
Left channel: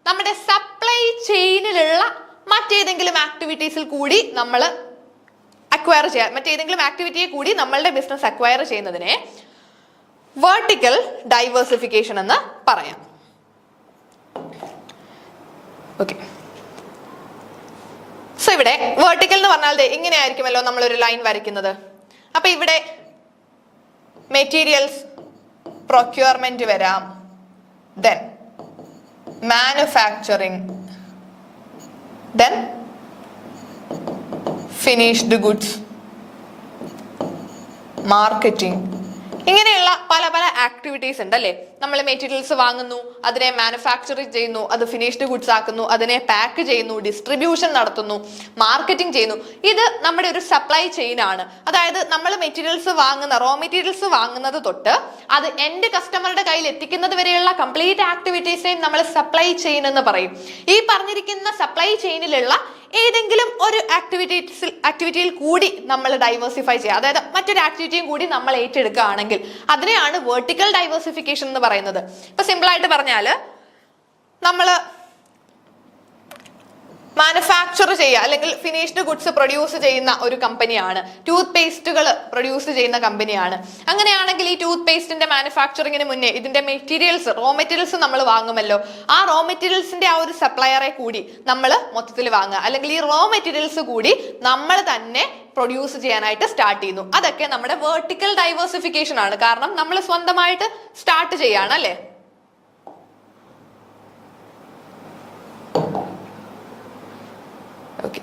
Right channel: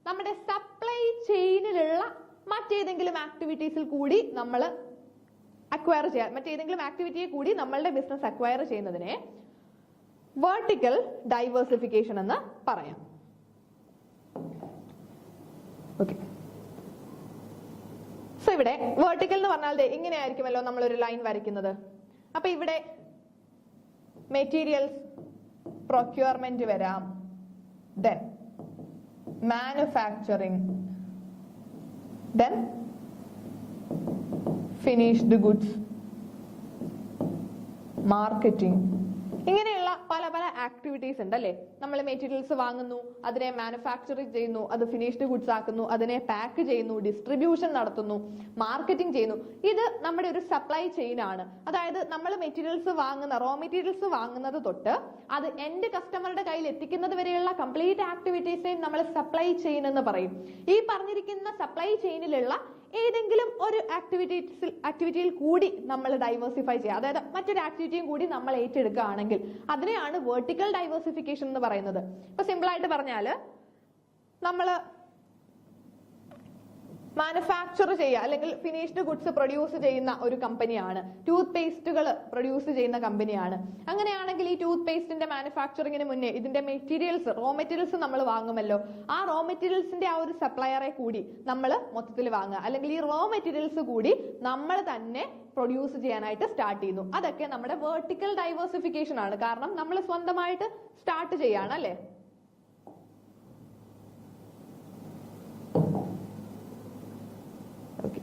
നമ്മുടെ സപ്ലൈ ചെയിനിലുള്ള മറ്റേതെങ്കിലും ആക്ടിവിറ്റീസിൽ കൂടി നമ്മൾ അക്വയർ ചെയ്യാൻ മറ്റേതെങ്കിലും ആക്ടിവിറ്റിയെ കൂടി നമ്മളുടെ ബിസിനസ് അക്വയർ ചെയ്യുന്നതിനെ വെർട്ടിക്കൽ ഡൈവേഴ്സിഫിക്കേഷൻ എന്ന് പറയാം. ഓക്കെ, സോ ഇവിടെ വെർട്ടിക്കൽ എന്ന് പറഞ്ഞാൽ ഇങ്ങനെയായിരിക്കുമല്ലോ നമ്മളൊരു ലൈൻ വരയ്ക്കുന്നത്. അപ്പൊ ഇവിടെ മെറ്റീരിയൽസ് പ്രൊക്യൂർമെന്റ് വരാം, then manufacturing, then finished goods, marketing, ഇങ്ങനെയുള്ള പല പല ആക്ടിവിറ്റീസ് ഉണ്ട് അല്ലേ. നമ്മൾ മെറ്റീരിയൽസ് വാങ്ങുന്നു, അതിനെ മാനുഫാക്ചർ ചെയ്യുന്നു, അത് ഫിനിഷ്ഡ് ഗുഡ്സ് ആക്കുന്നു, അതിനെ പാക്ക് ചെയ്യുന്നു, ഡിസ്ട്രിബ്യൂഷൻ നടത്തുന്നു, മാർക്കറ്റിംഗ് ചെയ്യുന്നു. ഇത് നമ്മുടെ ഒരു സപ്ലൈ ചെയിൻ ആണ്. അതായത് നമ്മൾ മെറ്റീരിയൽസ് വാങ്ങുന്ന റോ മെറ്റീരിയൽസ് വാങ്ങുന്നത് തൊട്ട് അത് എൻഡ് കസ്റ്റമറുടെ കയ്യിൽ എത്തിക്കുന്നത് വരെയുള്ള കംപ്ലീറ്റ് ആക്ടിവിറ്റീസിനെയും നമ്മൾ സപ്ലൈ ചെയിൻ എന്ന് പറയും. ഈ പറഞ്ഞിരിക്കുന്ന സപ്ലൈ ചെയിനിലുള്ള ഏതെങ്കിലും ഒരു ആക്ടിവിറ്റിയിൽ കൂടി നമ്മൾ ഡൈവേഴ്സിഫൈ ചെയ്യുക, അതായത് മറ്റൊരു ആക്ടിവിറ്റിയും കൂടി നമ്മൾ ഏറ്റെടുക്കുകയാണെങ്കിൽ അതിനെയാണ് വെർട്ടിക്കൽ ഡൈവേഴ്സിഫിക്കേഷൻ എന്ന് പറയുന്നത്. ഇപ്പൊ സിമ്പിൾ ആയിട്ട് പറഞ്ഞാൽ നമ്മൾ മാനുഫാക്ചർ ചെയ്യുക അല്ലെങ്കിൽ ഫിനിഷ്ഡ് ഗുഡ്സ് പ്രൊഡ്യൂസ് ചെയ്യുന്ന ഒരു കമ്പനിയാണ്, ടൂത്ത് പേസ്റ്റുകൾ പ്രൊഡ്യൂസ് ചെയ്യുന്ന കമ്പനിയാണ്. അങ്ങനെയാണെങ്കിൽ ഈ ടൂത്ത് പേസ്റ്റിന്റെ മാനുഫാക്ചറിങ്ങിന് മുന്നേ ഇതിന്റെ മെറ്റീരിയൽസ് റോ മെറ്റീരിയൽസ് നമ്മൾ വാങ്ങുമല്ലോ. ആ റോ മെറ്റീരിയൽസിന്റെ ആ ഒരു സപ്ലയറെ കൂടി നമ്മൾ മൊത്തത്തിൽ വാങ്ങുക, അല്ലെങ്കിൽ ഈ റോ മെറ്റീരിയൽസ് കൂടി നമ്മൾ തന്നെ പ്രൊഡ്യൂസ് ചെയ്യാനായിട്ട് സ്റ്റാർട്ട് ചെയ്യുന്നു. അതൊക്കെ നമ്മുടെ വെർട്ടിക്കൽ ഡൈവേഴ്സിഫിക്കേഷൻ ആണ്. കാരണം നമ്മൾ സ്വന്തമായിട്ട് സ്റ്റാർട്ട് ചെയ്യാണ് അല്ലേ. Okay.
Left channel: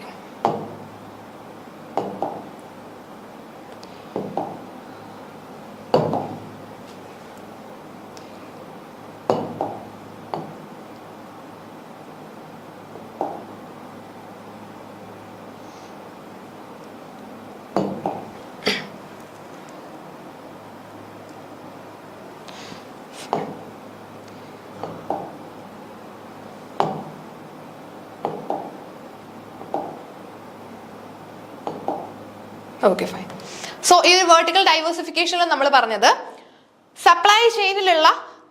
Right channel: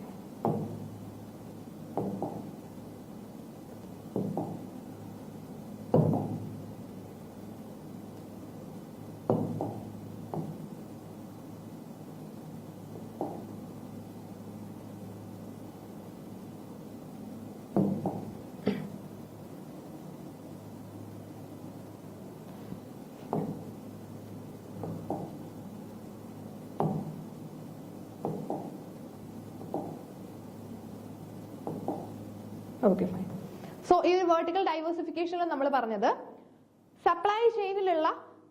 Okay fine. സോ ഈ ഒരു വെർട്ടിക്കൽ ഡൈവേഴ്സിഫിക്കേഷനിൽ നമ്മൾ പറഞ്ഞത് സപ്ലൈ ചെയിനിലുള്ള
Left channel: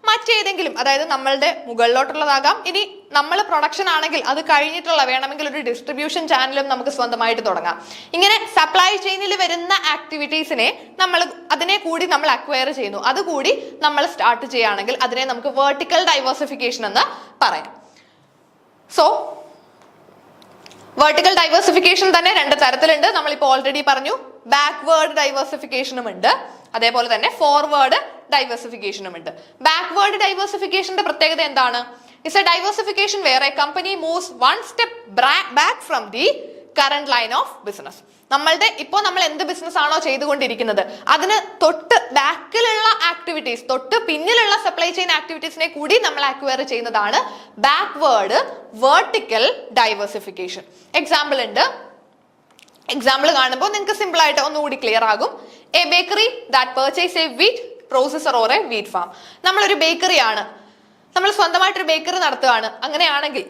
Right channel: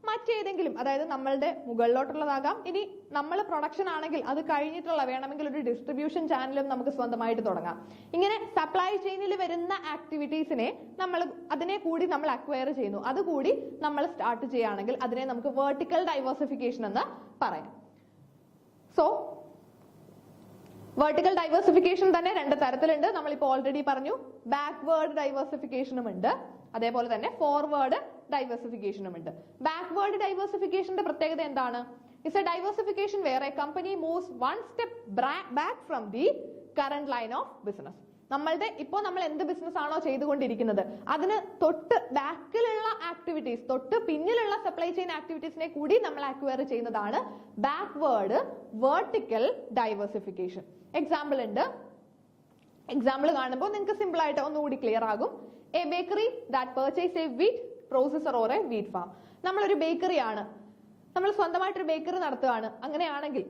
മറ്റേതെങ്കിലും, അതായത് നമ്മളുടെ മുകളിലോട്ടുള്ളതാകാം, ഇനി നമ്മൾ പ്രൊഡക്ഷൻ ആണെങ്കിൽ അത് കഴിഞ്ഞിട്ടുള്ള വേണമെങ്കിൽ ഒരു ഡിസ്ട്രിബ്യൂഷൻ ചാനലും നമുക്ക് സ്വന്തമായിട്ട് തുടങ്ങാം. ഇങ്ങനെ സപ്ലൈ ചെയിനിൽ വരുന്ന ആക്ടിവിറ്റീസിനെ അതിനെ കൂടി നമ്മൾ അക്വയർ ചെയ്യുന്നു, അതുകൂടി നമ്മൾ സ്റ്റാർട്ട് ചെയ്യുകയാണെങ്കിൽ അതിനെ നമുക്ക് വെർട്ടിക്കൽ ഡൈവേഴ്സിഫിക്കേഷൻ എന്ന് പറയാം. സോ വെർട്ടിക്കൽ ഡൈവേഴ്സിഫിക്കേഷൻ തന്നെ രണ്ട് തരത്തിലുണ്ട്. നമ്മളിപ്പോൾ ഓൾറെഡി പറഞ്ഞു, ബാക്ക്വേർഡ് ഡൈവേഴ്സിഫിക്കേഷനും ഉണ്ട്, അതേപോലെ തന്നെ ഫോർവേഡ് ഡൈവേഴ്സിഫിക്കേഷനും ഉണ്ട്. ബാക്ക്വേർഡ് ഡൈവേഴ്സിഫിക്കേഷന്റെ പ്രത്യേകത എന്താണ്? It's a diversification where a company moves one step back from the current line of business. ഇപ്പോൾ നമ്മൾ എന്ത് ബിസിനസ് ആണോ ചെയ്തുകൊണ്ടിരിക്കുന്നത് അതിന് തൊട്ട് ബാക്കിലുള്ള ആക്ടിവിറ്റീസ്, തൊട്ട് പിന്നിലുള്ള സപ്ലൈ ചെയിൻ ആക്ടിവിറ്റീസിനെ കൂടി നമ്മൾ അക്വയർ ചെയ്യുന്നതാണ് ബാക്ക്വേർഡ് വെർട്ടിക്കൽ ഡൈവേഴ്സിഫിക്കേഷൻ. എക്സാമ്പിൾ ഉണ്ട്. എക്സാമ്പിൾ കാണുമ്പോൾ നിങ്ങൾക്ക് സിമ്പിൾ ആയിട്ട് ഒന്നുകൂടി ക്ലിയർ ആകും. A bakery that purchase A wheat processor or A wheat farm. നമ്മളൊരു ബേക്കറി ആണ്, നമ്മൾ സ്വന്തമായിട്ടൊരു ബേക്കറി നടത്തുകയാണ്. അങ്ങനെയാണെങ്കിൽ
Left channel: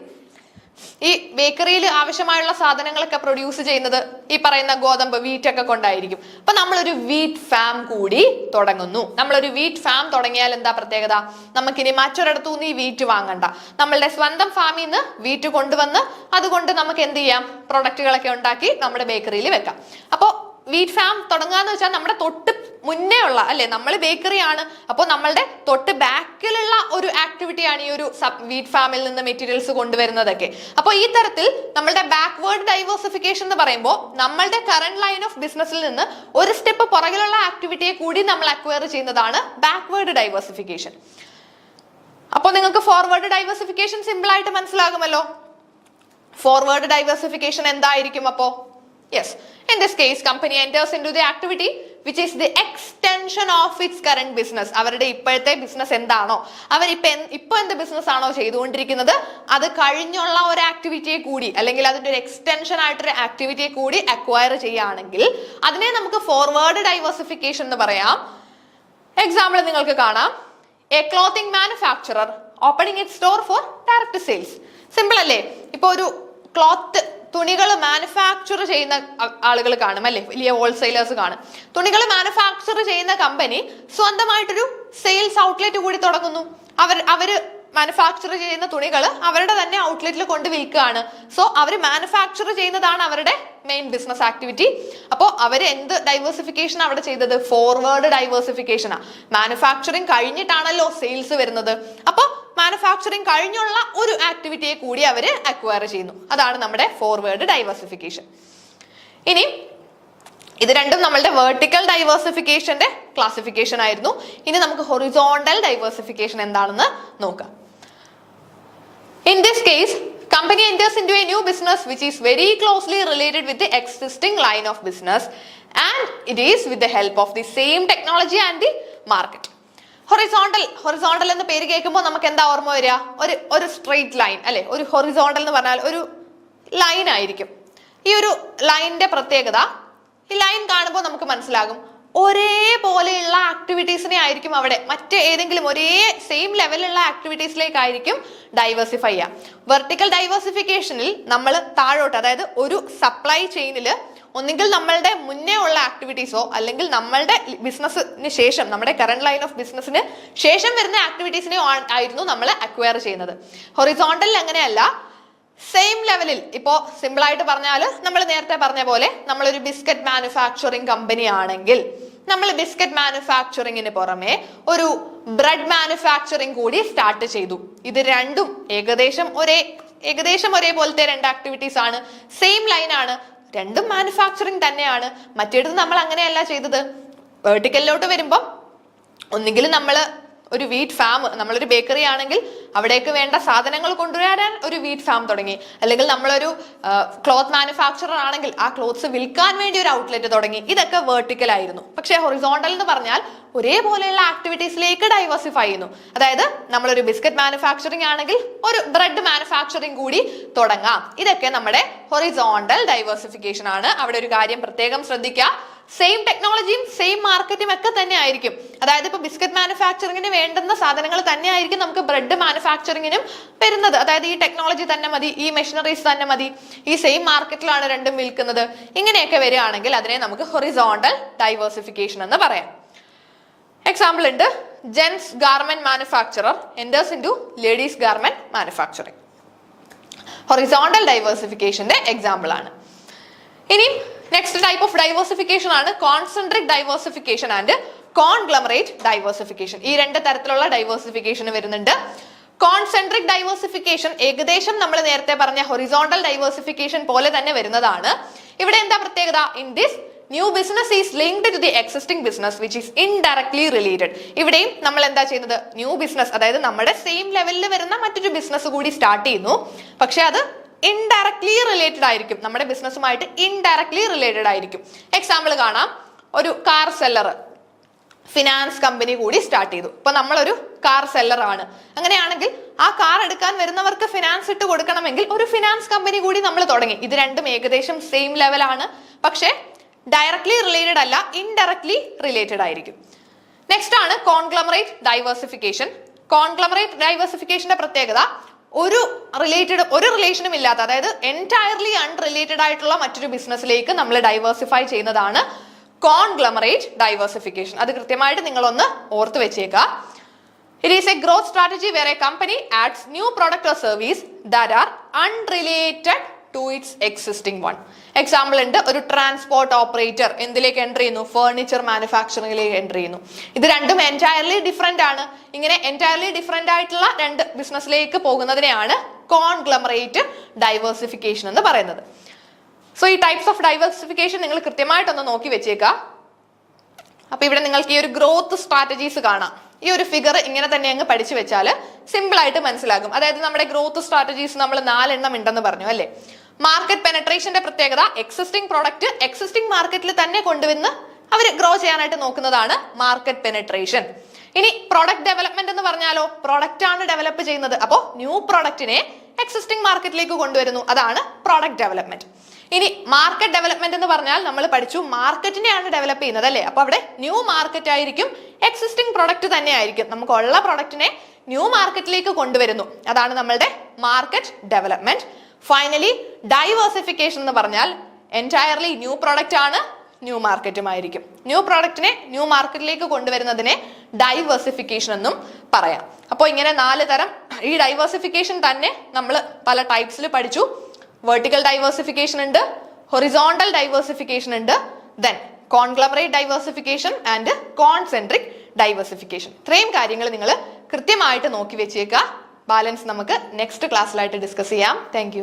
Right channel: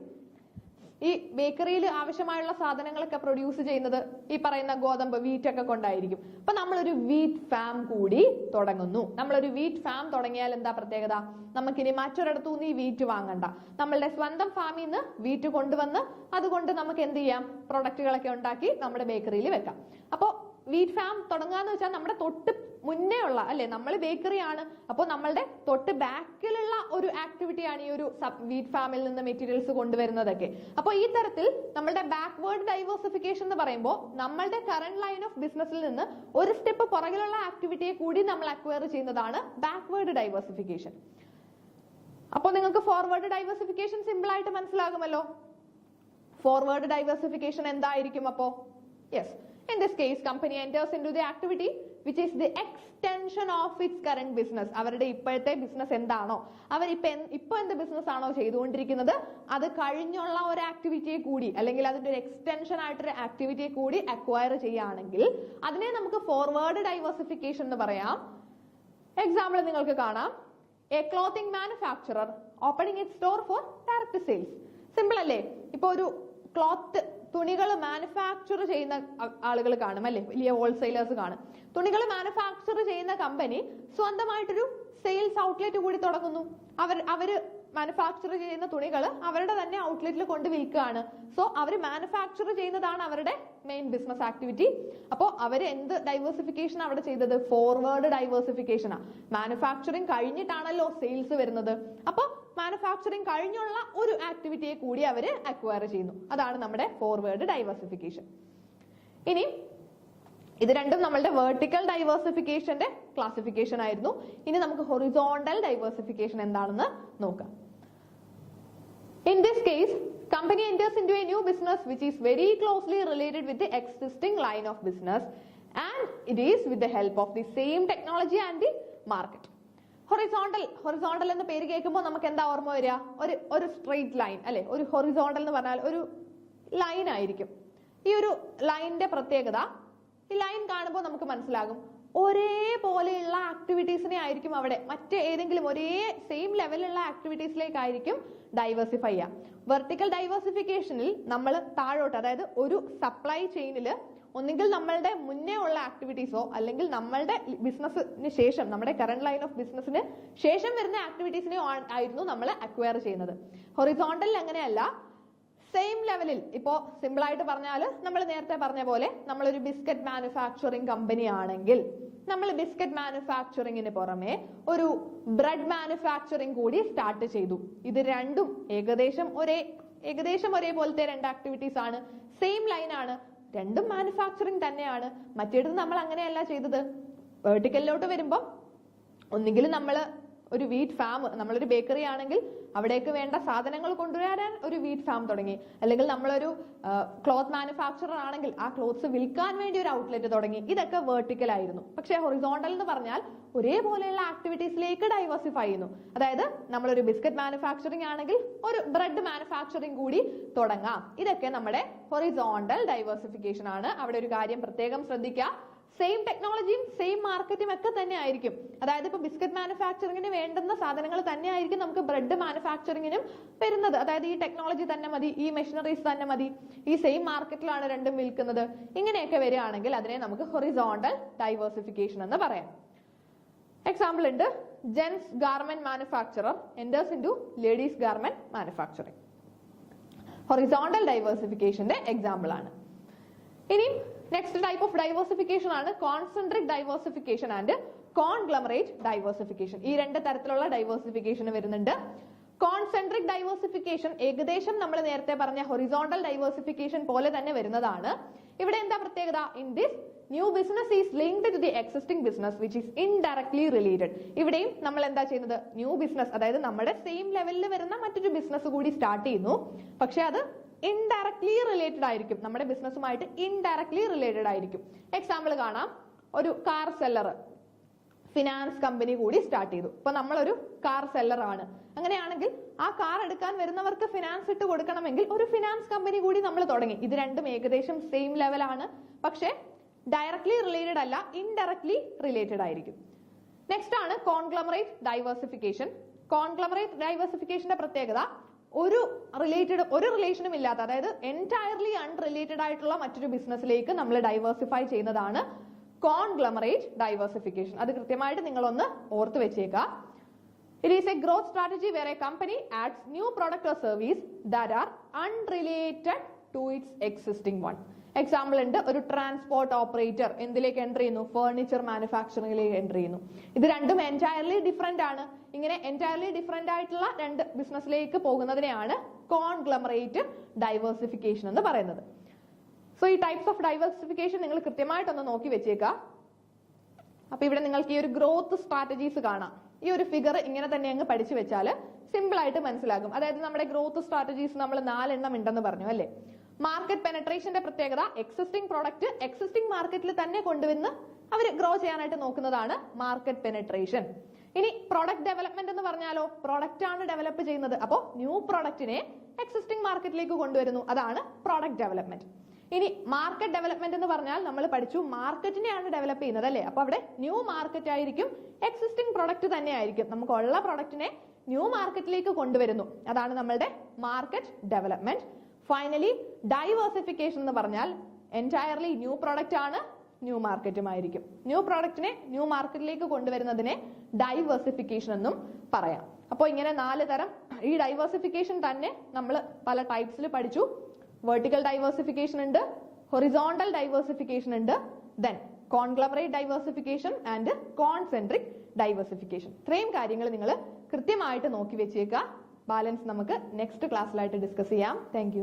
ഈ ബേക്കറിയിൽ ആവശ്യമായുള്ള സാധനങ്ങളൊക്കെ പ്രൊഡ്യൂസ് ചെയ്യുന്നത് ഈ പറയുന്ന ഗോതമ്പ്, വീറ്റ് ഒക്കെ കൊണ്ടായിരിക്കും. അപ്പൊ നമ്മളൊരു വീറ്റ് ഫാം കൂടി തുടങ്ങുന്നു. നമ്മളൊരു വീറ്റ് ഫാം തുടങ്ങിയാൽ എന്താ പ്രത്യേകത? നമുക്കിനി മറ്റൊരിടത്തുനിന്ന് ഈ വീറ്റ് വാങ്ങണ്ട, നമ്മളുടെ സ്വന്തം ഫാമിൽ നിന്ന് വീറ്റ് കൊണ്ടുവന്ന് അതുകൊണ്ട് നമുക്ക് എന്ത് ചെയ്യാം, പ്രൊഡക്റ്റുകളൊക്കെ ഉണ്ടാക്കി നമ്മുടെ ബേക്കറിയിൽ വെക്കാം. അപ്പോൾ വീറ്റ് ഫാം തുടങ്ങാന്ന് വെച്ചാൽ നമ്മുടെ തൊട്ട് മുന്നേ ഉള്ള, അല്ലെ, നമ്മൾ ബേക്കറി ആണ്, അപ്പോൾ നമ്മളുടെ തൊട്ട് ബാക്കിലുള്ള ഒരു ആക്ടിവിറ്റിയാണ് ഈ ഒരു വീറ്റ് ഫാമിൽ നിന്ന് മെറ്റീരിയൽസ് കൊണ്ടുവരുന്നതൊക്കെ. അപ്പോൾ ഈ തരത്തിൽ നമ്മളുടെ ബാക്ക്വേർഡ് ഡൈവേഴ്സിഫിക്കേഷൻ എന്ന് പറയുമ്പോൾ നമ്മളുടെ കറന്റ് ലൈൻ ഓഫ് ബിസിനസ്സിൽ നിന്ന് ഒരു സ്റ്റെപ്പ് പുറകിലുള്ള ആക്ടിവിറ്റിയെ കൂടി നമ്മൾ അക്വയർ ചെയ്യുന്നതാണ് ബാക്ക്വേർഡ് ഡൈവേഴ്സിഫിക്കേഷൻ. അപ്പോൾ നിങ്ങൾക്ക് ഫോർവേഡ് ഡൈവേഴ്സിഫിക്കേഷൻ സിമ്പിൾ ആയിട്ട് മനസ്സിലാകുമല്ലോ. ഫോർവേഡ് ഡൈവേഴ്സിഫിക്കേഷൻ എന്തായിരിക്കും അപ്പോ? Yes, in this case company enters into the activity which is the extension of its current business. അവരുടെ ഇപ്പോഴത്തെ ബിസിനസ് എന്താണോ, അവർ ഇപ്പൊ എന്ത് ബിസിനസ് ആണോ ചെയ്തുകൊണ്ടിരിക്കുന്നത് അത് കഴിഞ്ഞുള്ള ഒരു ആക്ടിവിറ്റിയെ കൂടി, അല്ലെങ്കിൽ അതിന്റെ ഒരു എക്സ്റ്റൻഷൻ ആയിട്ടൊരു ആക്ടിവിറ്റിയെ കൂടി അക്വയർ ചെയ്യുകയാണെങ്കിൽ അതിനെ നമുക്ക് ഫോർവേഡ് ഡൈവേഴ്സിഫിക്കേഷൻ എന്ന് പറയാം. എക്സാമ്പിൾ നിങ്ങൾക്ക് കാണാം. A clothing manufacturer opening it store four direct sales. Simple അല്ലേ? ഇപ്പൊ ഒരു ക്ലോത്ത്, തുണികൾ മാനുഫാക്ചർ ചെയ്യുന്ന ആളുകൾ കാണും, അല്ലെ, വലിയ ഹോൾസെയിലേഴ്സ് കാണും. തുണികൾ മാനുഫാക്ചർ ചെയ്യുന്ന കമ്പനി സ്വന്തമായിട്ടൊരു സെയിൽസ് ഔട്ട്ലെറ്റ് കൂടി തുടങ്ങുന്നു. അവര് മാനുഫാക്ചർ ചെയ്യുന്ന തുണികൾ അവരുടെ തന്നെ ഔട്ട്ലെറ്റിൽ കൊണ്ട് വിൽക്കുകയാണ്. സോ അവർ മാനുഫാക്ചർ ചെയ്യുന്നതാണ് അവരുടെ മെയിൻ ബിസിനസ് ആക്ടിവിറ്റി. അപ്പോൾ അവർ എന്ത് ഡൈവേഴ്സിഫിക്കേഷൻ അവിടെ ചെയ്തത്? ഫോർവേഡ് ഡൈവേഴ്സിഫിക്കേഷനാ. മാനുഫാക്ചറിങ് കഴിഞ്ഞിട്ടാണല്ലോ സെയിൽസ് വരുന്നത്. അപ്പോൾ മാനുഫാക്ചറിങ് കഴിഞ്ഞുള്ള ഒരു ആക്ടിവിറ്റിയെ കൂടി അവർ അക്വയർ ചെയ്യുന്നു. അതാണ് നമ്മുടെ ഫോർവേഡ് ഡൈവേഴ്സിഫിക്കേഷൻ. ഇനി ഇത് രണ്ടും നമ്മളുടെ വെർട്ടിക്കൽ ഡൈവേഴ്സിഫിക്കേഷന്റെ ക്ലാസിഫിക്കേഷൻ ആയിരുന്നു. ഇനി നമുക്ക് ഹൊറിസോണ്ടൽ ഡൈവേഴ്സിഫിക്കേഷൻ എന്താണെന്ന് നോക്കാം. In this case, company enters into a new business which is very closely related with the existing line of business and it is with the help of the same technology and the market. Horizontal എന്ന പേര് കേൾക്കുമ്പോൾ നമുക്ക് എന്താ ഓർമ്മ വരിക? ഒരു സ്ട്രെയിറ്റ് ലൈൻ, അല്ലെ? ഒരു ഹൊറിസോണ്ടൽ എന്ന് പറഞ്ഞാൽ ഒരു ലൈൻ ആയിരിക്കും. ഈ ഒരു ലൈനിന്റെ പ്രത്യേകത, ഈ ലൈൻ കാണുമ്പോൾ നമുക്ക് മനസ്സിലാകും ഒരേപോലെയുള്ള ആക്ടിവിറ്റീസിനെ ആയിരിക്കും അവിടെ മറ്റേതെങ്കിലും ഒരേ സെയിം ലെവലുള്ള ആക്ടിവിറ്റീസിലേക്കായിരിക്കും ഡൈവേഴ്സിഫൈ ചെയ്യുക. വെർട്ടിക്കൽ ഡൈവേഴ്സിഫിക്കേഷനിൽ നമ്മൾ താഴോട്ട്, അതായത് ഒരു സപ്ലൈ ചെയിനിൽ ഒന്നുകിൽ നമ്മളുടെ മുന്നേ ഉള്ള ആക്ടിവിറ്റീസോ അല്ലെങ്കിൽ നമ്മളുടെ ബിസിനസ്സിന് ശേഷം, നമ്മുടെ കറന്റ് ലൈൻ ഓഫ് ബിസിനസ്സിന് ശേഷം വരുന്ന ആക്ടിവിറ്റീസിനെ ആയിരുന്നു നമ്മൾ അക്വയർ ചെയ്യുന്നത്. ഹൊറിസോണ്ടലിൽ അങ്ങനെയല്ല. സെയിം ലെവലിൽ, ഇപ്പോ സിമ്പിൾ ആയിട്ട് പറഞ്ഞാൽ നമ്മൾ നേരത്തെ പറഞ്ഞ പോലെ നമ്മളൊരു ബിസ്ക്കറ്റ് മാനുഫാക്ചറിങ് കമ്പനി ആണെങ്കിൽ നമ്മൾ ബിസ്ക്കറ്റ് മാനുഫാക്ചറിങ്ങിന് പുറമെ ഒരു ബ്രെഡ് മാനുഫാക്ചറിങ് കൂടി സ്റ്റാർട്ട് ചെയ്തു. ഇത് രണ്ടും ഏകദേശം ഒരേപോലത്തെ രണ്ട് ആക്ടിവിറ്റീസ് ആണ്, സെയിം ലൈൻ ആണ്, രണ്ടും മാനുഫാക്ചറിങ് തന്നെയാണ്. മറ്റേടത്ത് നമ്മൾ അങ്ങനെയല്ല ചെയ്തത്. വെർട്ടിക്കലിലോട്ട് വരുമ്പോൾ ഒന്നുകിൽ നമ്മൾ ഒരു വീറ്റ് ഫാം, നമ്മളൊരു ബേക്കറി ആണെങ്കിൽ അവിടേക്ക് വേണ്ട സാധനങ്ങൾ കൊണ്ടുവരാൻ ഒരു വീറ്റ് ഫാം തുടങ്ങി, അല്ലെങ്കിൽ നമ്മളൊരു ക്ലോത്ത് മാനുഫാക്ചറർ ആണെങ്കിൽ ആ ക്ലോത്ത്സ് വിൽക്കാൻ വേണ്ടി ഒരു ഔട്ട്ലെറ്റ് തുടങ്ങി. ഇതൊക്കെ വെർട്ടിക്കൽ ആയിരുന്നു. പക്ഷേ ഹൊറിസോണ്ടൽ എന്ന് പറഞ്ഞാൽ ഒരേപോലെയുള്ള ആക്ടിവിറ്റീസിലേക്ക് ഡൈവേഴ്സിഫൈ ചെയ്യുന്നു. അതായത് നമ്മളൊരു ബിസ്ക്കറ്റ് മാനുഫാക്ചറിങ് ആണെങ്കിൽ ഒരു ബ്രെഡ് മാനുഫാക്ചറിങ് കൂടി തുടങ്ങാം. ഇതൊക്കെ നമ്മുടെ ഹൊറിസോണ്ടൽ ഡൈവേഴ്സിഫിക്കേഷൻ ആണ്. അവിടെ ഒരു കാര്യം പ്രത്യേകം ശ്രദ്ധിക്കുക, സെയിം ടെക്നോളജിയും സെയിം മാർക്കറ്റും ഒക്കെ തന്നെ ആയിരിക്കും. അതായത് ഇപ്പൊ ബിസ്ക്കറ്റ് മാനുഫാക്ചറിങ്ങിന് വേണ്ടുന്ന സാധനങ്ങൾ തന്നെ ആയിരിക്കും നമുക്ക് ബ്രെഡ് മാനുഫാക്ചറിങ്ങിനും വരുന്നത്. അതായത് ഈ ടെക്നോളജി തന്നെ മതി, ഈ മെഷീനറീസ് തന്നെ മതി, ഈ സെയിം മാർക്കറ്റിലാണ് രണ്ടും വിൽക്കുന്നത്. ഇങ്ങനെയൊക്കെ വരികയാണെങ്കിൽ അതിനെ നമുക്ക് ഹൊറിസോണ്ടൽ ഡൈവേഴ്സിഫിക്കേഷൻ എന്ന് പറയാം. എക്സാമ്പിൾ ഉണ്ട്, gents garment manufacturer enters into ladies garment manufacturing. Horizontal ഡൈവേഴ്സിഫിക്കേഷന്റെ എക്സാമ്പിൾ ആണ്. ഇനി നെക്സ്റ്റ് ടൈപ്പ് ഓഫ് ഡൈവേഴ്സിഫിക്കേഷൻ ആണ് concentric diversification and conglomerate diversification. ഈ രണ്ട് തരത്തിലുള്ള ഡൈവേഴ്സിഫിക്കേഷൻ വരുന്നുണ്ട്. കോൺസെൻട്രിക് ഡൈവേഴ്സിഫിക്കേഷൻ ഏകദേശം നമ്മൾ നേരത്തെ പറഞ്ഞ ഹൊറിസോണ്ടൽ ഡൈവേഴ്സിഫിക്കേഷൻ പോലെ തന്നെ വരുന്നതാണ്. ഇവിടെ എന്താ പ്രത്യേകത? In this new business is linked to the existing business which is indirectly related. ഇവിടെയും നമ്മൾ എന്താ ചെയ്യുന്നത്? ന്യൂ ബിസിനസ്, അതായത് നമ്മുടെ സെയിം ലെവലിൽ വരുന്ന മറ്റൊരു ബിസിനസ് കൂടി സ്റ്റാർട്ട് ചെയ്യുന്നു. പക്ഷെ അത് ഇൻഡയറക്ട്ലി റിലേറ്റഡ് ആയിരിക്കും, നമ്മുടെ ബിസിനസ്സുമായിട്ട് ഇൻഡയറക്ട്ലി റിലേറ്റഡ് ആയിരിക്കും. എക്സാമ്പിൾ കാണാം, ഒരു കാർ സെല്ലർ ഫിനാൻസ് കമ്പനി കൂടി സ്റ്റാർട്ട് ചെയ്തു. ഇപ്പൊ നമ്മളൊരു കാർ സെല്ലർ ആണ്. അങ്ങനെയാണെങ്കിൽ ആ കാർ എടുക്കാൻ വരുന്നവർക്ക് ഫിനാൻസ് ഇട്ട് കൊടുക്കണമെങ്കിൽ ഒരു ഫിനാൻസ് കമ്പനി കൂടി നമ്മൾ തുടങ്ങി. ഇത് രണ്ടും ഏകദേശം സെയിം ലെവലാണ്, പക്ഷെ ഡയറക്ട്ലി റിലേറ്റഡ് അല്ല, ഇൻഡയറക്ട്ലി റിലേറ്റഡ് ആയിരിക്കും. നെക്സ്റ്റ് ആണ് കോൺഗ്ലമറേറ്റ് ഡൈവേഴ്സിഫിക്കേഷൻ. കോൺഗ്ലമറേറ്റ് ഡൈവേഴ്സിഫിക്കേഷന്റെ പ്രത്യേകത ഒരു റിലേഷനും ഇല്ലാത്ത, അതായത് എൻറ്റയർലി അൺറിലേറ്റഡ് ആയിട്ടുള്ള മറ്റൊരു ബിസിനസ്സിലേക്ക് നമ്മൾ ഡൈവേഴ്സിഫൈ ചെയ്യുന്നതാണ് കോൺഗ്ലമറേറ്റ് ഡൈവേഴ്സിഫിക്കേഷൻ. അത് കൃത്യമായിട്ട് നിങ്ങളൊന്ന് ഓർത്ത് വെച്ചേക്കുക. It is a growth strategy where a company adds new product or service that are unrelated to its existing one. Example ഉണ്ട്, ഒരു ട്രാൻസ്പോർട്ട് ഓപ്പറേറ്റർ എന്തിലേക്ക് എൻ്റർ ചെയ്യുന്നു? ഫർണിച്ചർ മാനുഫാക്ചറിംഗിലേക്ക് എൻ്റർ ചെയ്യുന്നു. ഇത് രണ്ടും എൻറ്റയർലി ഡിഫറെന്റ് ആണ്. ഇങ്ങനെ എൻറ്റയർലി ഡിഫറെന്റ് ആയിട്ടുള്ള രണ്ട് ബിസിനസ്സിലേക്ക് പോകുന്നതിനെയാണ് കോൺഗ്ലമറേറ്റ് ഡൈവേഴ്സിഫിക്കേഷൻ എന്ന് പറയുന്നത്. സോ ഈ ടൈപ്സ് ഓഫ് ഡൈവേഴ്സിഫിക്കേഷൻ നിങ്ങൾ കൃത്യമായിട്ടൊന്ന് നോക്കി വെച്ചേക്കുക. അപ്പൊ ഇവിടെ നിങ്ങൾക്ക് ഈ ഒരു ഗ്രോത്ത് സ്ട്രാറ്റജീസ് കാണാം. ഈ ഒരു ഫിഗർ ഇങ്ങനെ തന്നെ അങ്ങ് പഠിച്ചു വെച്ചാൽ സിമ്പിൾ ആയിട്ട് മനസ്സിലാകും. അതായത് നമ്മുടെ ഗ്രോത്ത് സ്ട്രാറ്റജീസ് നമ്മൾ 4 എണ്ണം ഉണ്ടെന്ന് പറഞ്ഞു അല്ലേ. മാർക്കറ്റ് പെനട്രേഷന്റെ പ്രത്യേകത എക്സിസ്റ്റിംഗ് പ്രോഡക്റ്റ് എക്സിസ്റ്റിംഗ് മാർക്കറ്റിൽ തന്നെ കൊണ്ടുവന്ന് അവർ ഗ്രോ ചെയ്യാനായിട്ട് നോക്കുന്നതാണ് മാർക്കറ്റ് പെനട്രേഷൻ. ഇനി പ്രോഡക്റ്റ് ഡെവലപ്മെന്റ് എന്ന് പറഞ്ഞാലോ, പ്രോഡക്റ്റ് ആണ് ഡെവലപ്പ് ചെയ്യുന്നത്. അപ്പോൾ ന്യൂ പ്രോഡക്റ്റിനെ എക്സിസ്റ്റിംഗ് മാർക്കറ്റിലേക്ക് കൊണ്ടുവരുന്നു, അതാണ് പ്രോഡക്റ്റ് ഡെവലപ്മെന്റ്. ഇനി മാർക്കറ്റ് ഡെവലപ്മെന്റ് എന്ന് പറഞ്ഞാൽ നമ്മൾ പഠിച്ചു മാർക്കറ്റിനെയാണ് ഡെവലപ്പ് ചെയ്യുന്നത് അല്ലേ. അപ്പൊ അവിടെ ന്യൂ മാർക്കറ്റ് ആയിരിക്കും, എക്സിസ്റ്റിംഗ് പ്രൊഡക്റ്റ് തന്നെ ആയിരിക്കും. നമുക്കുള്ള പ്രൊഡക്റ്റിനെ ന്യൂ മാർക്കറ്റിലേക്ക് കൊണ്ടുവരുന്നു, അതാണ് നമ്മളുടെ മാർക്കറ്റ് ഡെവലപ്മെന്റ്. ഫൈനലി ഡൈവേഴ്സിഫിക്കേഷൻ എന്ന് പറഞ്ഞാൽ എൻറ്റയർലി ന്യൂ പ്രോഡക്റ്റ് ആണ്, ന്യൂ മാർക്കറ്റുമായിരിക്കും. ന്യൂ പ്രോഡക്റ്റിനെ ന്യൂ മാർക്കറ്റിലേക്ക് കൊണ്ടുവരുന്നതിനെ ഡൈവേഴ്സിഫിക്കേഷൻ എന്നും പറയാം. അപ്പോൾ ഇങ്ങനെ 4 തരം ഈ ഡൈവേഴ്സിഫിക്കേഷൻ തന്നെ നമ്മൾ പല ടൈപ്സിൽ പഠിച്ചു. വെർട്ടിക്കൽ ഡൈവേഴ്സിഫിക്കേഷൻ ഉണ്ട്, ഹൊറിസോണ്ടൽ ഡൈവേഴ്സിഫിക്കേഷൻ ഉണ്ട്, then conglomerate diversification and concentric diversification. ഇത്രയും കാര്യങ്ങൾ നിങ്ങൾ കൃത്യമായിട്ട് നോക്കി വെച്ചേക്കുക. ബാലൻസ് നമുക്ക് നെക്സ്റ്റ് ക്ലാസ്സിലായിട്ട് ഡിസ്കസ് ചെയ്യാം. താങ്ക്